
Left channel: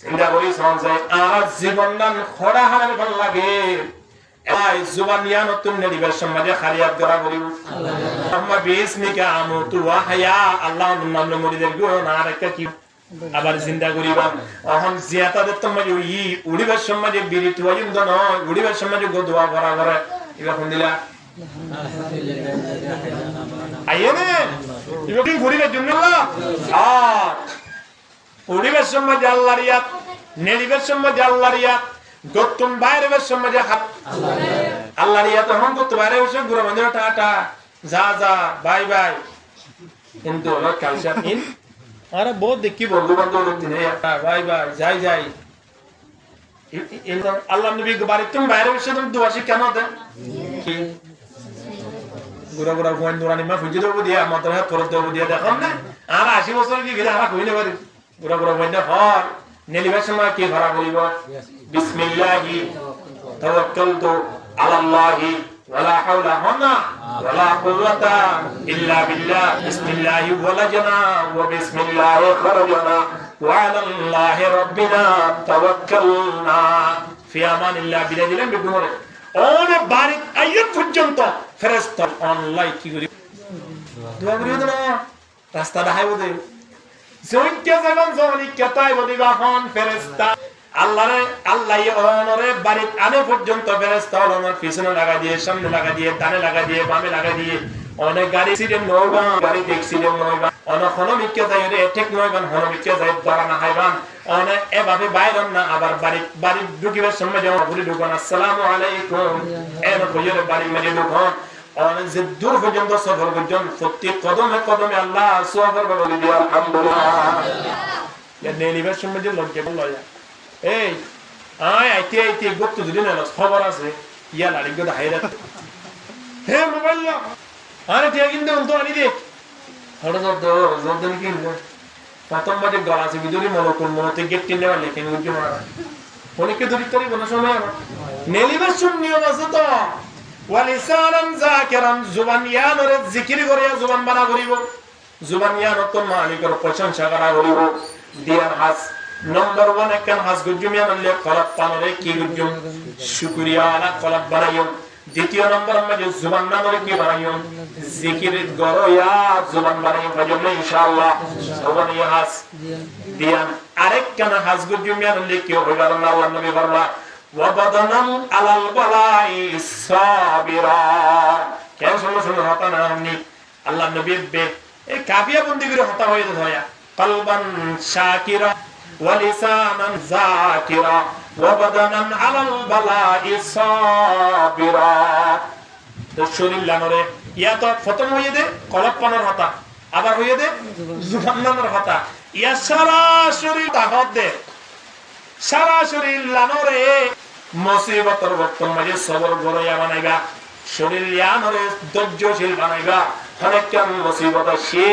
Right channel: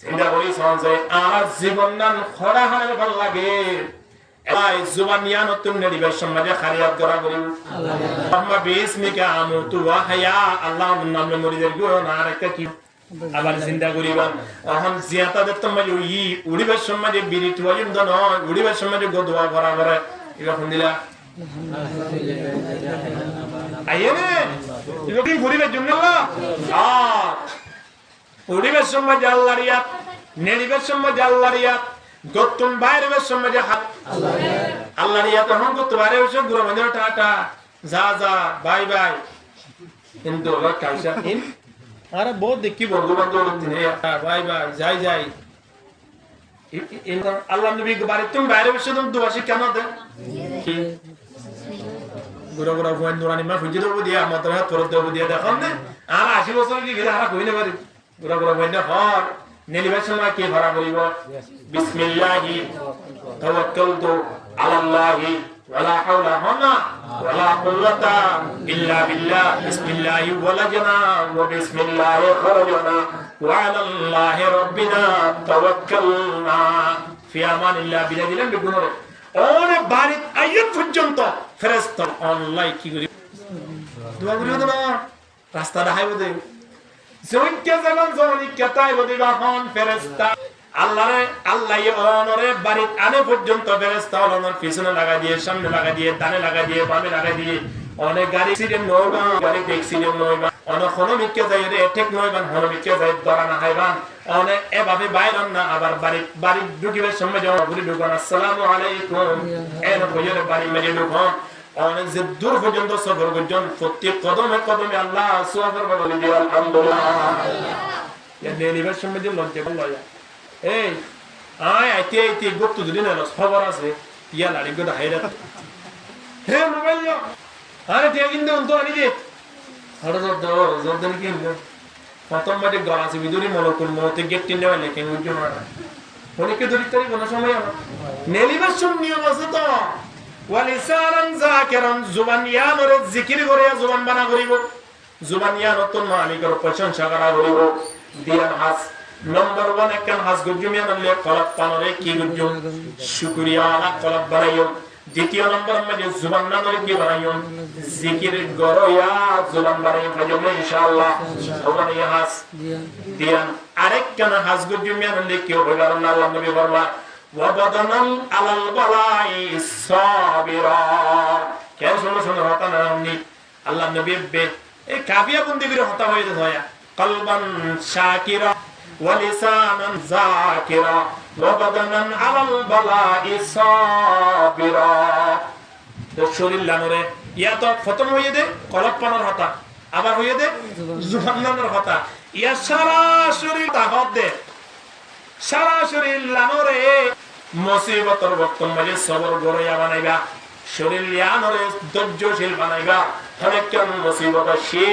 চিন্তা করি সঞ্চয় আর জীবন নাম খড়া হালের ভাল লাগে এই জুবান ইয়ান তুমি নেডিবার সমাজে খারিয়াত করা করি আল্লাহুম্মা বিসমিকা আমুতু ওয়া হায়া আল্লাহর নাম লই মরিদের গো না আর একটা কি আবার চিন্তা করিবা অহন জিয়াতাদে তোমার ওই উড়িবার সমাজে বিড়ি তুয়াইম দ নয় উড়িবার সমাজে গো দোয়া করা করে এবা কোন দিলা আইনে ইবটি ঘুরিবার জন্য আল্লাহ উড়িবার সমাজে আল্লাহর ইয়াত নেড়িবার সমাজে আল্লাহর ইয়াত গতুম বাইরের সমাজে হাত আল্লাহর ইয়াত হন গত বাইরে বসে গুরু বন্ধ টাটা যা যা বাই বাই কিন্তু ওর কালচার ইন আরে বহুত দেখি বন্ধু বান্ধব লোকদিন বাই বাই যাই যাই আল্লাহ নবী বাড়ি তুমি বাইরে বসে তুমি দুয়াশি কেন দে কি গুড়া গুড়া ফুয়ান দুরানি মা ফুজি দেবো দিয়া মতর হাত ফরত দেবো দিয়া দেখুন না আর 80 বছর কি গিয়ে আর কইনে পারি গুড়া গুড়া ফুয়ান হর নেলিবার সময় কি ভরা করিব বিসমিল্লাহি তাওয়াক্কালতু আলাল্লাহি ওয়ালা হাওলা হুনা ওয়ালা কুওয়াতা ইল্লা বিল্লাহ বিসমিল্লাহি ওয়ালাজনা ওয়া বিসমিল্লাহি খরাজনা ওয়া আলাল্লাহি রাব্বিনা তাওয়াক্কালনা ফি আমানিল্লাহ বিলা দিলেন বেগুনরে ওনে বাড়ি আইয়ন পর্যন্ত ফেরেশতা অনলাইন কি করি দোয়া করিও না রাস্তা দেখাইব দে জয়কে যেমন জনি কেতাই বদিবা হন ফেরেশতা আল্লাহরে আল্লাহ ওনরে বাড়ি আনে পর্যন্ত ফেরেশতা ওনর পিছনে লাগা দিয়ে সামনে লাগা দিয়ে ডানে লাগা দিয়ে বামে লাগা দিয়ে অনেক গাড়ি সিরেন নয়বা গাড়ি দেখছিলেন নয়বা অনেক হনমিকে যাই রে ঠিক নয়বান হনমিকে যাই দরা না খাইবান অনেক এভাবে বাইরন না আবার বাড়ি ঢুকিবার সময় যখন ঘুরে ঢুকান আসসালামু আলাইকুম এর কইরে বাড়ি মেরে ঢুকান অনেক যে দূর পর্যন্ত সফর পর্যন্ত প্রত্যেক কদমে কদমে আল্লাহ সুবহানাহু ওয়া তাআলা দিয়ে আলহামদুলিল্লাহ ইয়া নেলিবার সময় যে লজ্জা লয়া এই আইতে আইতে গত্ত যদি না খবর আছে ইয়া লাড়ি গদা হাইরা হে মোবাইল আরে তে কিন্তু তো আনি দে হড় জোর দেন কি প্রথম বাজে গলাছে বিদুরি মলকুল মতে গেট টিনে वाले কেন উজ্জ মারা ফোনকে ধরি তরি কোন সময় আমার নেলিবার সময় নিয়ম আছে তো ওয়ালিসানান যাকিরান জুবান ইয়ানরে জিকির করে জুবান বানা করিব জুবান ইয়ান তো মানি করে প্রশংসা করা করিব দিয়ান হাস নম্বর 1 একখান হাস গুজুমিয়ান আল্লাহ কলাপ পানরে কি গুজুম শুকরিয়া আলা কলাপ বানাইও দ্বিতীয় নম্বর মধ্যে জুবান নামরে কি বানাইও জিকির গরয়া জুবান বানাইও কাজমে ইনশাআল্লাহ জুবান হাস দিয়ান আরেকখান হাস গুজুমিয়ান আল্লাহ কি হবে আল্লাহ নবী বললা ওয়াবাদানান আলাল বালাই সাবিরা কেন শুনো হতা না আমনি আল্লাহ নবী বে এই কাফিয়া বন্দি করে হতা হয়ে যায় কলবান শাকিরা ওয়া লিসানান যাকিরা ওয়াবাদানান আলাল বালাই সাবিরা তো শরীর লানরে ইয়া তো প্রথম হয়ে দে কলব পানর হতা আবার হয়ে দে জুবান নানর হতা ইয়া সারা শরীর তাকত দে সারা শরীর লানরে মুসিবতর বর্তমান মাঝে সবর গড়াইয়া বানাইবা শরীর লানরে ধৈর্যশীল বানাইবা অনেক কেমন মুসিবত সে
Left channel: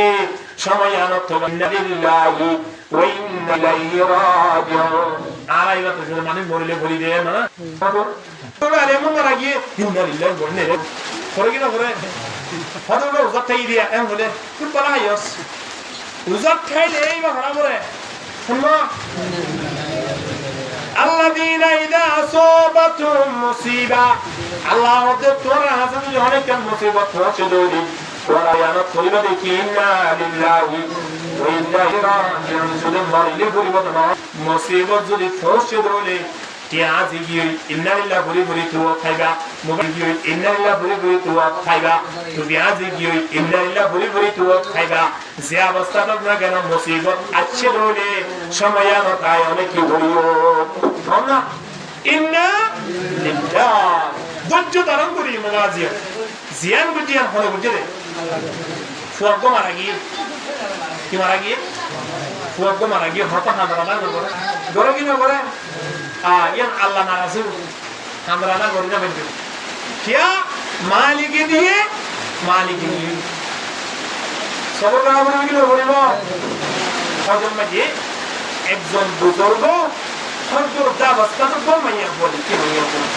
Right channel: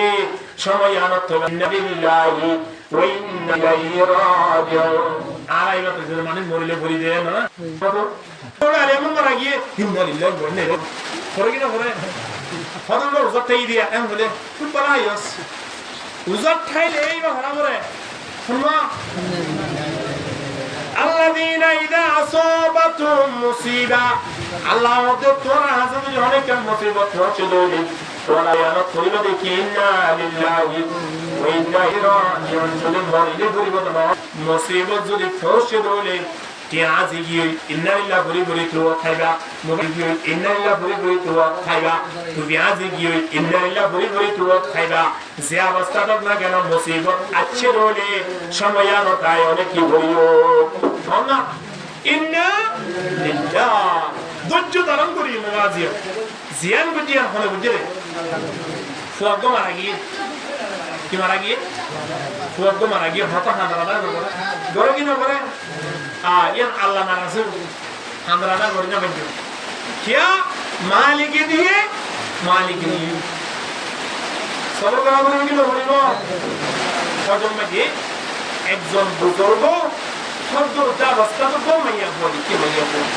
সময় আনত হবে ইন্নালিল্লাহি ওয়া ইন্না ইলাইহি রাজিউন আলাইবা তো যদি মানে মরিলে ভরি দেয় না তো আরে মন মারা গিয়ে ইন্নালিল্লাহি ওয়া ইন্না ইলাইহি করে কি না করে হদুলো উজাত থাই দিয়া এম হলে খুব ভালো আইস উজাত খাইলে এইবা হারা মরে শুননা الذين إذا أصابتهم مصيبة الله دكتور هذا جهنم كم مصيبة وشدولي ولا ينقل بكينا لله وإنا راجعون سلم وريلي بري بدنا مصيبة زودي وشدولي تيازي يوي إن لله بري بري تو خيبا مبارك يوي إن لله بري بري تو خيبا تبيازي يوي إن لله بري بري تو خيبا জিয়াবস্থাটা না কেন মুসিবত আছে বলে সময়ান তাই অনেক কি বলিও না ইন্না লিল্লাহ ধৈর্য ধারণ করি মুওয়াজিব জিয়ান গুজিয়ান হলে বুঝে ফুয়াগ্য মারা গিয়ে কি মারা গিয়ে ফুয়াগ্য মারা গিয়ে হতো হাঁদরানা করে গড়ে কি না করে ইয়ান আল্লাহ নারাজ হাঁদরানা করে যাবেন কিয়া মালিকে দিয়ে মালিকে নিয়ে সব গ্রামের কি না বলিব হজম মাঝে একজন বুজুর্গ হজর দাবস্তা তো গো মাইয়া বলি কি মাইয়া বলি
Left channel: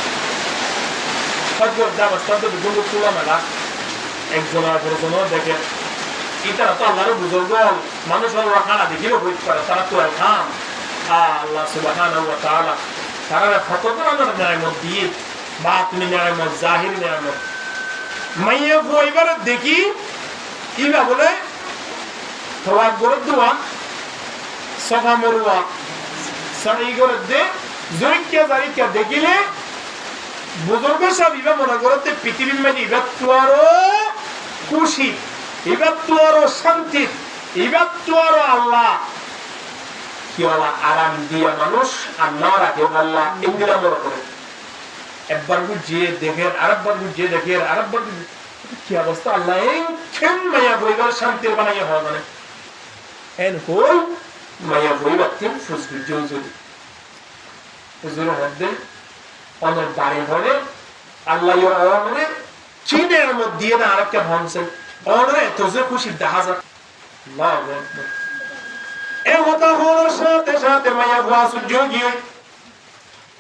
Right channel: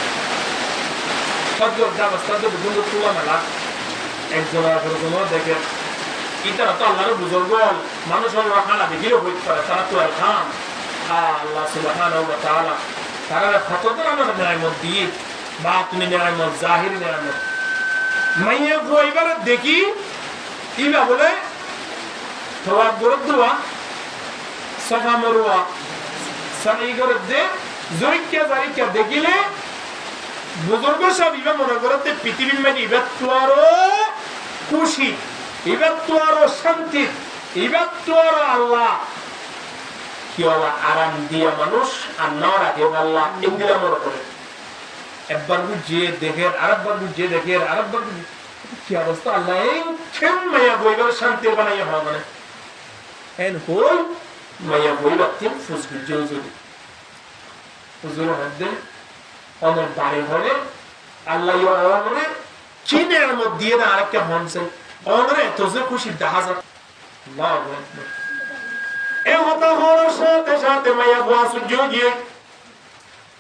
হজর দাবস্তা তো বিভিন্ন তুলা মেলা একজন অপরজন দেখে ইতারা তো আল্লাহর বুজুর্গ মানুষ আল্লাহ খানা দেখিলেও হইতে পারে তারা তো আর খান আল্লাহ সুবহানাহু ওয়া তাআলা তারা কত ধরনের নিয়ামত দিয়ে বা তুমি নিয়ামত জাহিরি নিয়ামত মাইয়া বইবার দেখি ইবা বলে তোমার গরু দোয়া সফা মরুয়া সাই গরু দে জয়িকা জারিকা দেখিলে বুজুর্গ সব ইবা মনে করতে পৃথিবীর মাঝে ইবা তো আরো খুশি ইবা তো আরো শান্তি ইবা তো আরো আল্লাহ কি আল্লাহ আরাম দিয়া মানুষ আর না রাখে আল্লাহ এগুলা মনে করে একবার বুঝিয়ে দেখেন আরেকবার বুঝিয়ে দেখেন আরেকবার কি অবস্থা আল্লাহ কেন মায়া বইবার শান্তি বানাইয়া হয় মানে এন কই মায়া বইবার তিন ফুসবি জুজুরি হুজুর হদ্দে অনর বাড়ি হলে আল্লাহ অনরে চিনের মধ্যে না আরেকটা হনছে অনরে তো যে খুশি দেখা যায় আল্লাহু আকবার এ হতা হওয়ার সাথে সাথে মায়া বুয়া সুযোগী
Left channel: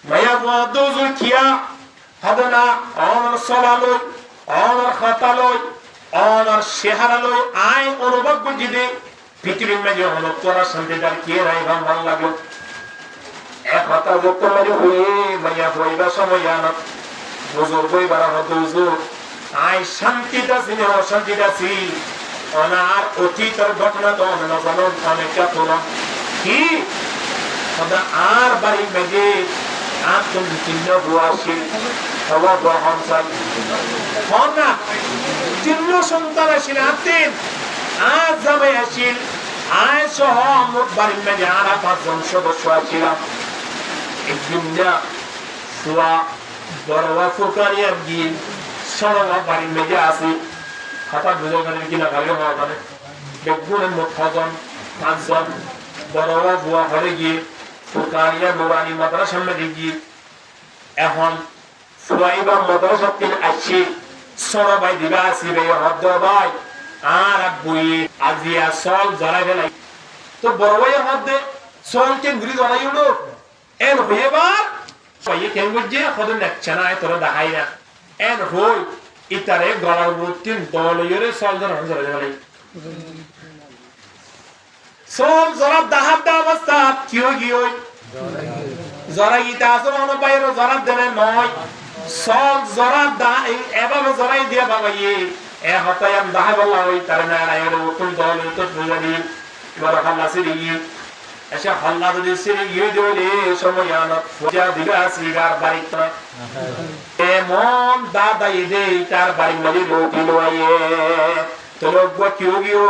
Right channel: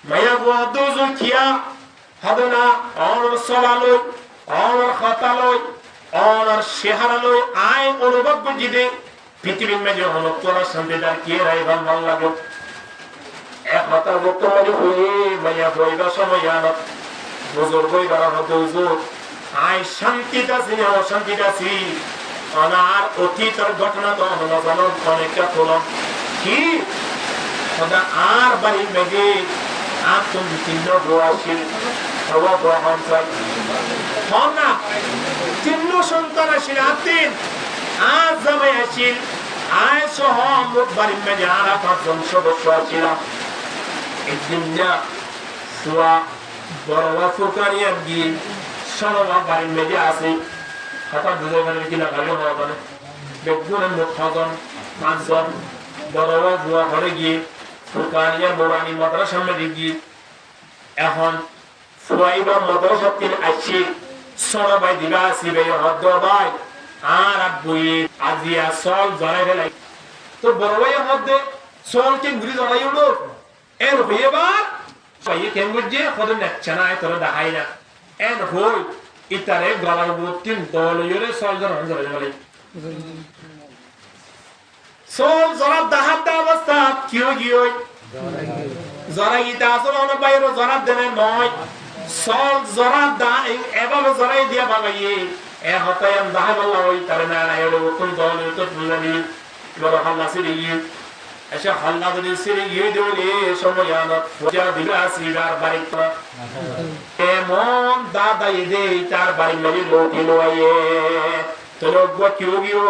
মায়া বুয়া দোজুর খিয়া হদনা অনর সলালই অনর খাতালই অনর শেহারালই আইন অনুভব গজিদে পৃথিবীর মাঝে হনত তোরা শান্তিদার কে নাই ভাল লাগে এক হতা যত মাঝে হয়ে মাইয়া বইবা সময় আনত বুজুর্গ বইবার হত হুজুর আই শান্তিটা ছিল অশান্তিটা ছিল অনার অতীতের ঘটনা তো আমরা জানো অনেকটা তোলা কি আর বাড়ির মাঝে আর তুমি চিহ্ন বসি চিহ্ন সন্তান আসিল আতিন আর জামাই আসিল আয় সহ মোট বাড়ির মাঝে আর 5 জন সদস্য আসিলাম একদিন না সোয়া বড়বা ফুরকানিয়া গিয়ে সরবা বাড়ির মেজে আসি হঠাৎ বুঝে পারেন কিনা ভাগে হওয়া মানে বেগুনের মোট 6 জন 5 জন বড়বা বুয়া ঘরে গিয়ে ফুরকানিয়া নুরানি মাদ্রাসার মধ্যে গিয়ে এখন ফুয়াইবার মাদ্রাসার তিন আসি সরবাই দিবা আসিবে হদ্দ ভাই আর আব্বুই আজিয়া সল জড়াই ফেলাই তো বড় ভাই হদ্দে সলকে ঘুরি জড়াই উঠো এন হইবার পাইয়ে কেন বুঝছে কত নেচ্ছে না তোরা দেখাই না এন হই ইতারে গলার বুতিন দলইরে সল জড়াই ফেলাই সল জড়া দাহাত দা অবস্থা কিও গিয়ে জড়া গিতা আসলে অন বাইরে জড়া দেনে নয় সল জড়া দা এভাবে জড়াই দিয়া বাবাইয়ে এ হতায়াম দাহা বলা হই তার না আইরে উতুন দল তো বুঝানি এবার হাল্লা সিরি এসে হাল্লা যদি সিরি গিয়ে দিলে সময় আনা পূজা দিবে আসিবার বাড়িতে এমন দাদা এদে তার বাড়ি মাঝে লোটি লয়ে তো লোক কিও গিও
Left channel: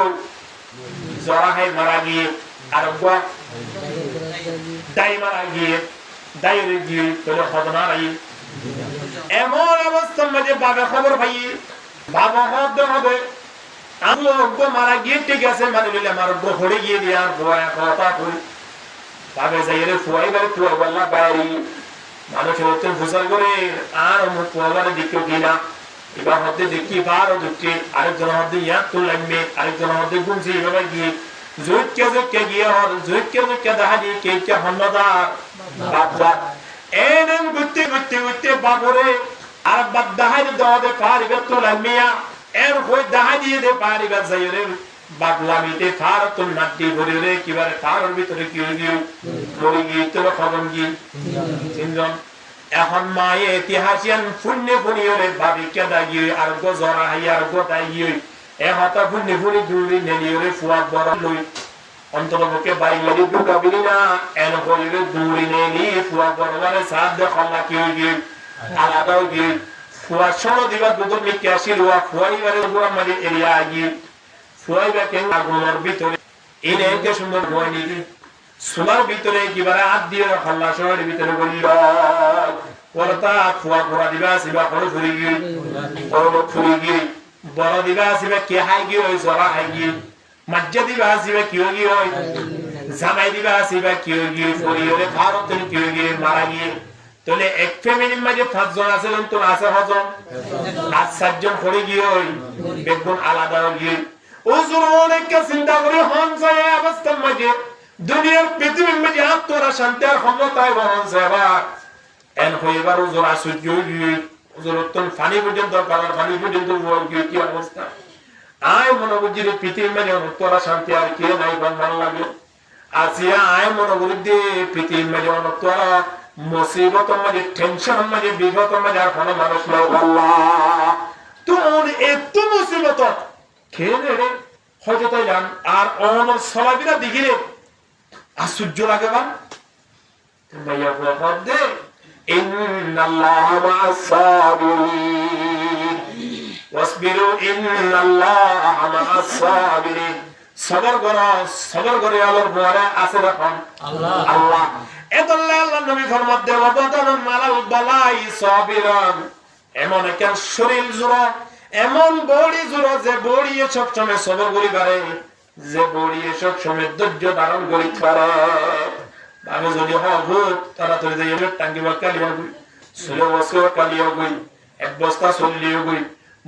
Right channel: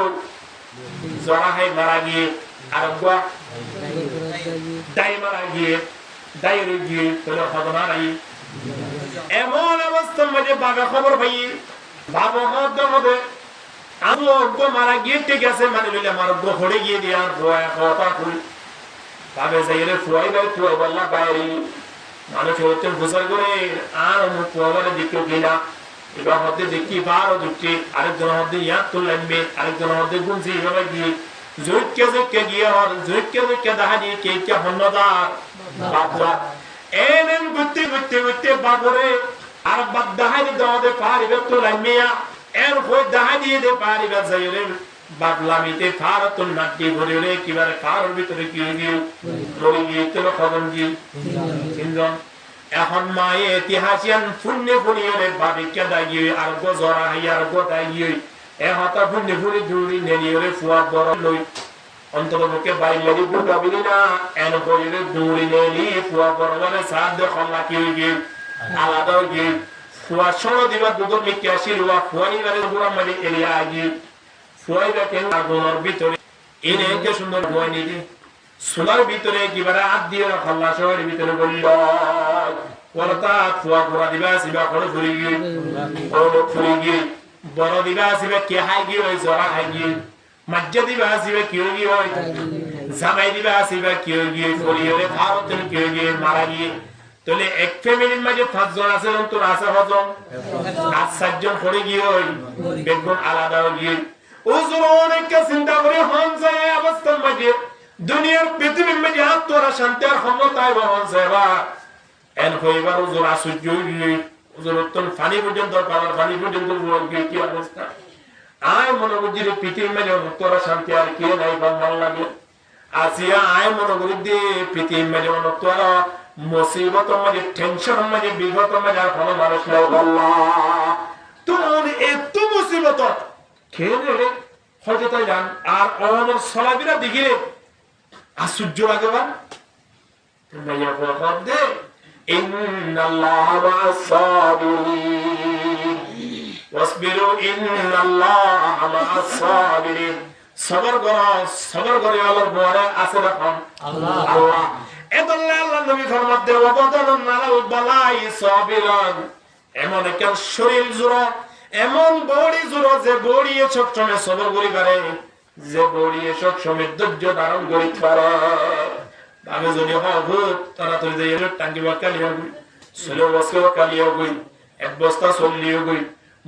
জড়া হয় মারা গিয়ে আর দাই মারা গিয়ে দাইরে গিয়ে তোলে হদনা রাই এমন অবস্থার মাঝে বাবা খবর পাই বাবা হদ হবে আমি অজ্ঞ মারা গিয়ে ঠিক আছে মানে লইলে আমার অজ্ঞ হড়ে গিয়ে দিয়া গোয়া কথা কই বাবে যাইরে ফুয়াই বারে তুই বললা বাইরে মানুষ হতে ফুসার করে আর অমুক কুয়াবারে দিকে কিনা এবার হতে দেখি বার দুটি আরেকজন হতে ইয়া তো লাগবে আরেকজন হতে গুনছি এভাবে গিয়ে জৈক্য গিয়ে হর জৈক্য দেখা দিয়ে কে কে হন্নদার বাপলা এনেন গুতে বাবরে আর বাদ দাহাই দে পারিবে তো লাগমিয়া এর হই দাহাই দিয়ে দে পারিবে যাইরে বাবলামিতে ফারতুন নাটি ভরে কিবারে ফারর ভিতরে কি গিয়ে মরি গিয়ে তো খবর গিয়ে তিনজন এখন মায়ে ইতিহাসিয়ান ফুন্নে ফুনিয়রে বাবিকা দাগিয়ে আর গো জরা হাইয়ার গো দাগিয়ে এ হতা ফুন্নে ফুনি দূরি নেলিয়রে ফুয়া বড় লই অন্তরকে বাড়ি মেরি দুগাবিনি না এন কইরে দূরি নেলি ফুয়া বড়রে সাদ দে খল্লা কি গিয়ে আলাদা গিয়ে ফুয়া সরো দিবা দুদর মিকে আসিল ওয়া ফুয়াইবারে গুড়া মাঝে এরিয়া গিয়ে ফুয়াইবা কেন আগুনের ভিতরে এনে কে সুন্দর বই নিদি সোলার ভিতরে কিবারে হাত দিয়ে খল্লা শহরের ভিতরে বলল ওরতা ফুয়া ফুরা দিবা আসিবা কোনো ফুরি গিয়ে কোনো ফুরি গিয়ে বড় দিবা আসিবা কে হাই গিয়ে ওই জরা হাই গিয়ে মাজ্জা দিবা আসিবা কেউ গিয়ে ওই জামাই দিবা আসিবা কেউ গিয়ে ফরিয়রে ভারতের কেউ গিয়ে মারা গিয়ে তাহলে এক ফ্যামিলির মাঝে 5 জন আছে তো আছে হজন আর 7 জন পড়ে গিয়ে ওই বেগুন আলাদা গিয়ে ওজোর অনেক চিন্তা করে হন যায় অবস্থার মাঝে দুনিয়ার পৃথিবীর মাঝে আত্মরা শান্তি আর ক্ষমতায় বহন সেবা এন হইবার ওজোর আশ্চর্য গিয়ে ওজোর অত্যন্ত ফানি পর্যন্ত পানি পর্যন্ত কি অবস্থা আয় মনে করছি পৃথিবীর মাঝে অন্তরা শান্তি আর কে নাই ভালো লাগে আসিয়া আয় মনে করি দে পৃথিবীর মাঝে অন্তরা মুসিবত মাঝে টেনশন মাঝে বিগত মাঝে আর কোনো মানুষ নাই তোর এত মুসিবত খেয়ে রে হয়তো তাই জান আর অনর সলাবিরা দেখিলে আশ্চর্য লাগে বা মাইয়া বলদ দে ইন্নাল্লাহা মা'আস সাবিরিন ওয়াসবিরু ইন্নাল্লাহা মা'আস সাবিরিন সবর করে আল্লাহর পরে আছে রাখুন আল্লাহ এদল্লা আল্লাহ নবী ফরমাত দেব বদলুন মালাল বালাই সাবিরান এমন একটা শরীর জোড়া এমন বড়ি জোড়া যে বড়ি সব সময় সবর করি পারে যে বড়ি সব সময় ধৈর্য ধারণ করি পারে ভাবে যদি হবুত তাড়াতাড়ি যাই টাঙ্গি বা কালিয়া গই 16 বছর কালিয়া গই এক বস্তা চল্লিও গই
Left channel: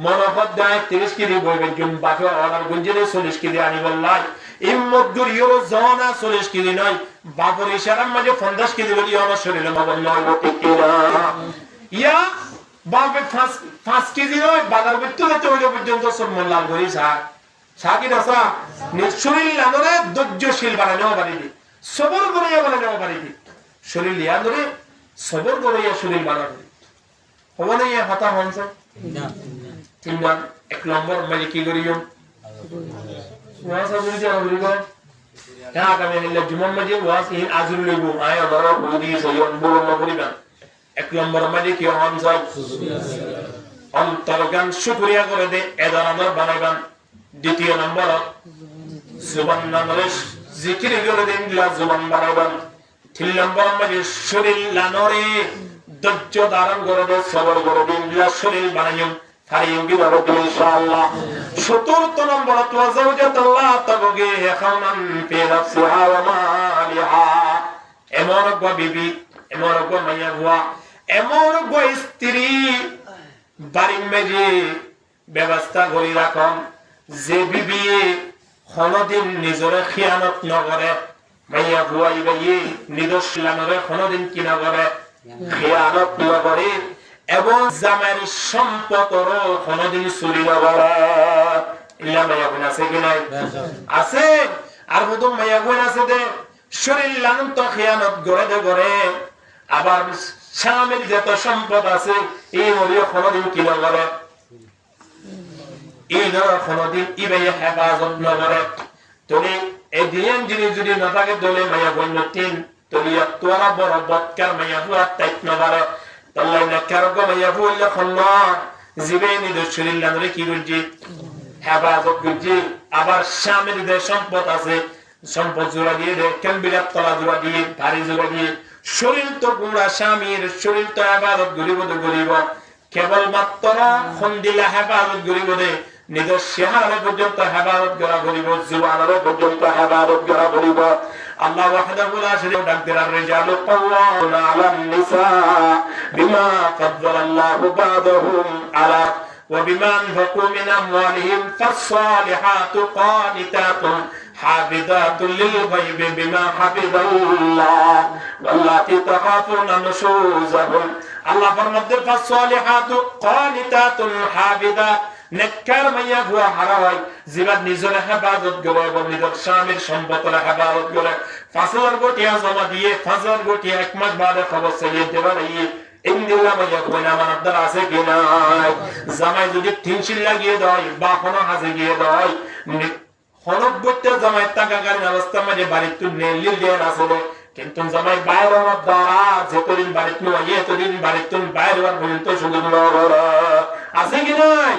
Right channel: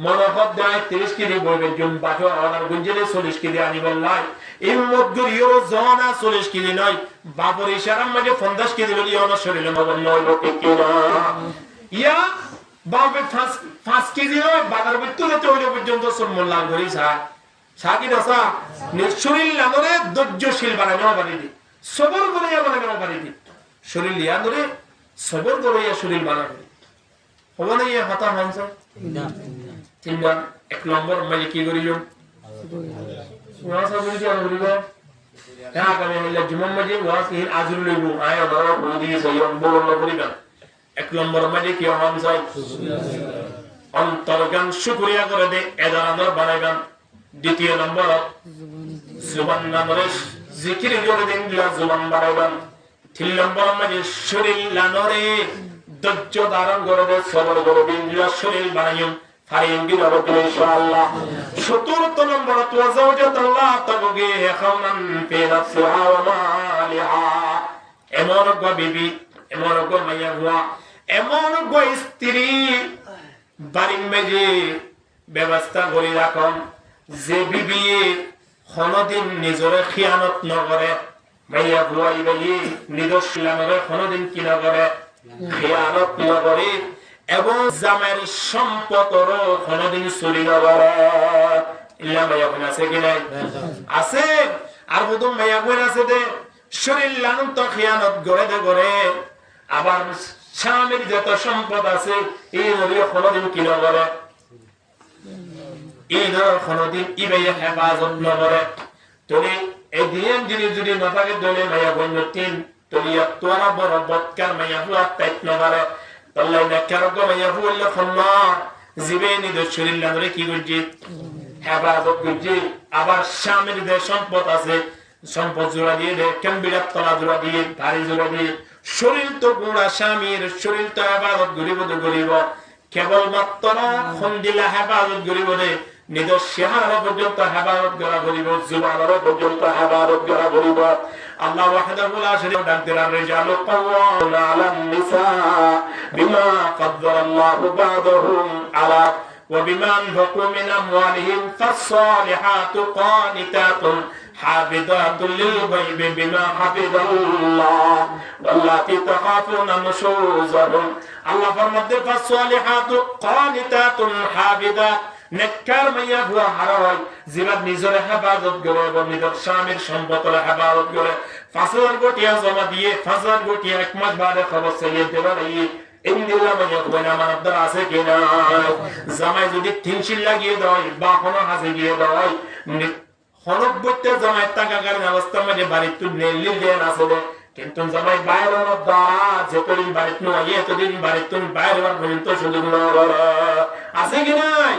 মনোভাব দেয় 30 কেজি বইবেন জুম বাকি অর্ডার গুঞ্জনে 40 কেজি আনি বললাই ইম্মত গুরিয়র জনা 40 কেজি নয় বাপর ইশারার মাঝে 50 কেজি বলি আমার শরীরে মগন নয় ঠিক কি না ইয়া বাপে 5 কেজি নয় বাজার ভিতরে তো ওই পর্যন্ত সব মোল্লাল করি সাকি না সা শরীর লানরে ধৈর্যশীল বানানো পারিনি সবর করিয়া বানানো পারিনি শরীর লিয়া ধরে সবর করিয়া শরীর বানানো হবো না ইয়ে হতা হনসা তিনবার 1 নম্বর মানে কি করিও ওয়াজ আজুরি জানবি গো হ্যাঁ আগামী হিল্লা জুমার মাঝে ওয়াজ ইন আজুরি লইব আয় ধরো বলি সয়ন বড় করিবা 1 নম্বর মানে কি হন যায় অন্তরগান শুকরিয়া করে দে এদার আমরা বানাইবান দ্বিতীয় নম্বর জুবান নামরে জিকির করে দেন জুবান বানাইবান 3 নম্বর মানে শরীর লানরে ধৈর্য ধারণ করে দে সবর করে দিন শরীর বানাইম ফারিয়ঙ্গি হবে ইনশাআল্লাহ 17 নম্বর ওয়াজাওজাতাল্লাহ তাবগি খাওনান ফি নাফসিহা ওয়া মালিহা এমন গো বিবি এমন গো মাইয়া বুয়া এমন গো স্ত্রী বাড়ির মেজে ব্যবস্থা করে রাখুন যে বিবি কোনদিন নিজরে খিয়ানত নকরে মাইয়া বুয়া ইবাই নিদর্শনরে কোনদিন কি না করে খিয়ানত নকরে এবং জামাইয়ের সম্পদর কোনদিন চুরি না করে ইল্লা মাইয়া বোন আছে কি নাই আছে আর হুদুম মাইয়া বোন আছে দে শরীর লানুন তো খিয়ানত করে দে করে আবার স্বামীর যত সম্পদ আছে এই নলিও কোনদিন কি না করে এই ধর কোনদিন ইবাই হেফাজত না করে তুমি এই দিন যদি না থাকে দলে মাইয়া বোন তিন তলিয়া তোরা বড় বৎকার মাইয়া হুয়া টাইট না করে তাল্লাই না কারগো মাইয়া হুয়া খন্না জীবেনি দে শরীর লানরে কি গজি হেফাজত গজি আবার স্বামীর যে সম্পদ আছে সম্পদ জোড়া দিয়ে দে কেমবিরাত তলা জোড়া দিয়ে ভারী জোড়া দিয়ে শরীর তো গুড়া স্বামীর শরীর তো হেফাজত গরিব গরিব কেবল মাত্র খন্দিলা হেফাজত গরিব দে নিজের চেহারা পর্যন্ত হেফাজত করা গরিব জুবানের পর্যন্ত হেফাজত করা গরিব আল্লাহ ওয়াহদাহু লা শারীকা লাহু দাকদিরার রিজালু কাওয়ামুনা আলান নিসা বিমা ফাদ্দালাল্লাহু বা'দাহুম আলা ওয়া বিমা আনফাকু মিন আমওয়ালিহিম ফাস-সালিহাতু কানিতাতুন হাফিযাতুল লিল গায়বি বিমা হাফিযাল্লাহ ওয়াল্লাতী তাখাফুনা নুশুযাহুম আল্লাহ ফরমাতে ফাস-সালিহাতু কানিতাতুন হাফিযাত নেককার মাইয়া হুয়া হারায় জিবাদ নিজের হেফাজত করে এবং নিজের স্বামীর সম্পদের হেফাজত করে 5000 গোটিয়া জমা দিয়ে 5000 গোটিয়া এক মাস বাদে খবর চাইয়ে দেবা নাই ইন্দিল্লা মাইয়া হুয়া আমানতদার আছে কিনা জামাই যদি 300 লাগিয়ে দেয় বা কোনো হাজে গিয়ে দেয় হনবতে জামাই টাকা গাড়ি অবস্থা মাঝে বাড়ি তুই নেলি দেন আছে কিন্তু জামাই বাইরে দ্বারা যেতদিন বাড়িতে নয় এতদিন বাড়িতে বাইরে পর্যন্ত সুযোগ বলে আছে কি নাই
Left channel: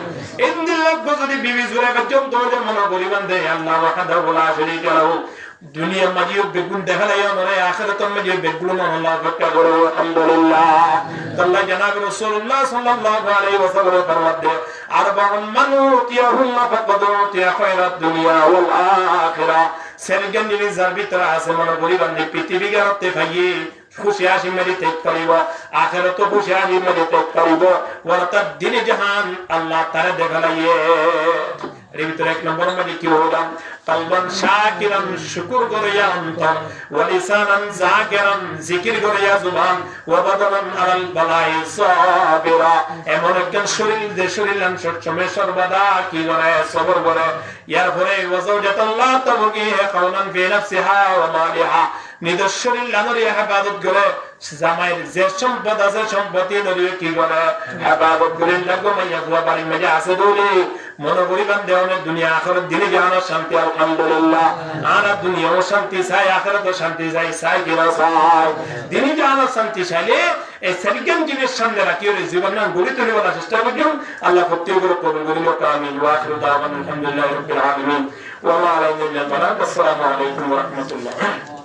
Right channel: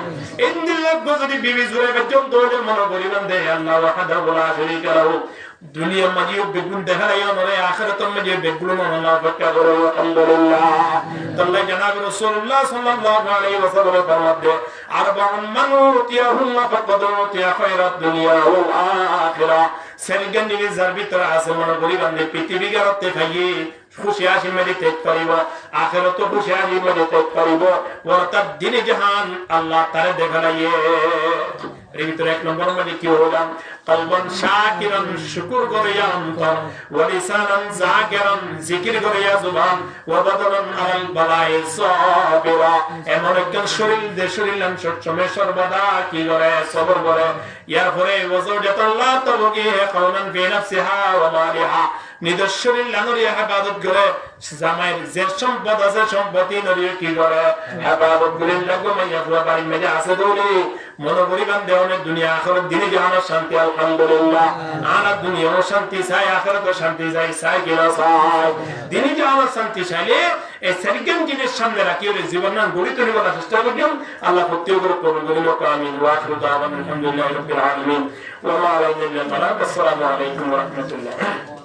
ইন্দিল লাগবে যদি বিবি জুড়ে পর্যন্ত মনে করিবেন দে আল্লাহ ওয়াহদাহু লা শারীকা লাহু দুনিয়ার মাঝে বেগুন দেখালাই নরে আখিরাতের মাঝে বেগুন আল্লাহ পাক করে আলহামদুলিল্লাহ তাল্লাহ জনাব রাসূলুল্লাহ সাল্লাল্লাহু আলাইহি ওয়াসাল্লাম ফরমাতে আরবাউন মান উতিয়াহুন্না ফাকাদ উতিয়া খায়রাত দুনিয়া ওয়াল আখিরা সেরগন নিজার ভিতর আছে মনে করি বান্দে পৃথিবী গারতে ভাইয়ে খুশি হাসি মেরে ত্যাগ করিব আখিরাত খুশি হাসি মেরে ত্যাগ করিব ওয়াতার দিনে জাহান আল্লাহ তারে দেখালাইয়ে এর ভিতরে এক নম্বর মানে কি হইলাম কলবন শাকিরান শুকর করিয়া অন্তর ওয়া লিসানান যাকিরান জিকির করিয়া জুবান ওয়া বাদানান আলাল বালাই সাবিরা এমন একজন শরীর যে শরীরান সবসময় সর্বদা কি করে সবর করে ইয়ার পরে ওয়াজাওজাতাল্লাহ তাবগি কাউনান ফি নাফসিহা ওয়া মালিহা নিজের শরীর লানরিয়া ইবাদত করে জামাইয়ের যে সম্পদ আছে সম্পত্তি নরিয়া কি করে ইবাদত করে লাগো মাইয়া বুয়া বাড়ি মেজে আছে দৌড়ে মনে করিবেন দেওয়ানে দুনিয়া আখিরাত দিনে জাহানের শান্তি আলহামদুলিল্লাহ আর দুনিয়াও শান্তি চাই আখিরাতও শান্তি চাই চাই কি না চাই দিনে জাহানের শান্তি চাইলে এই সেরগেন জিনিস সামনে রাখি ওর জীবন না গড়ি তুলিব না চেষ্টা করুন আল্লাহ প্রত্যেকের কবুল করিল আমিন ওয়া আখিরু দাওয়ানা আলহামদুলিল্লাহি রাব্বিল আলামিন ওয়া মা আলাইনা ইল্লাল বালাগ আসসালামু আলাইকুম ওয়া রাহমাতুল্লাহ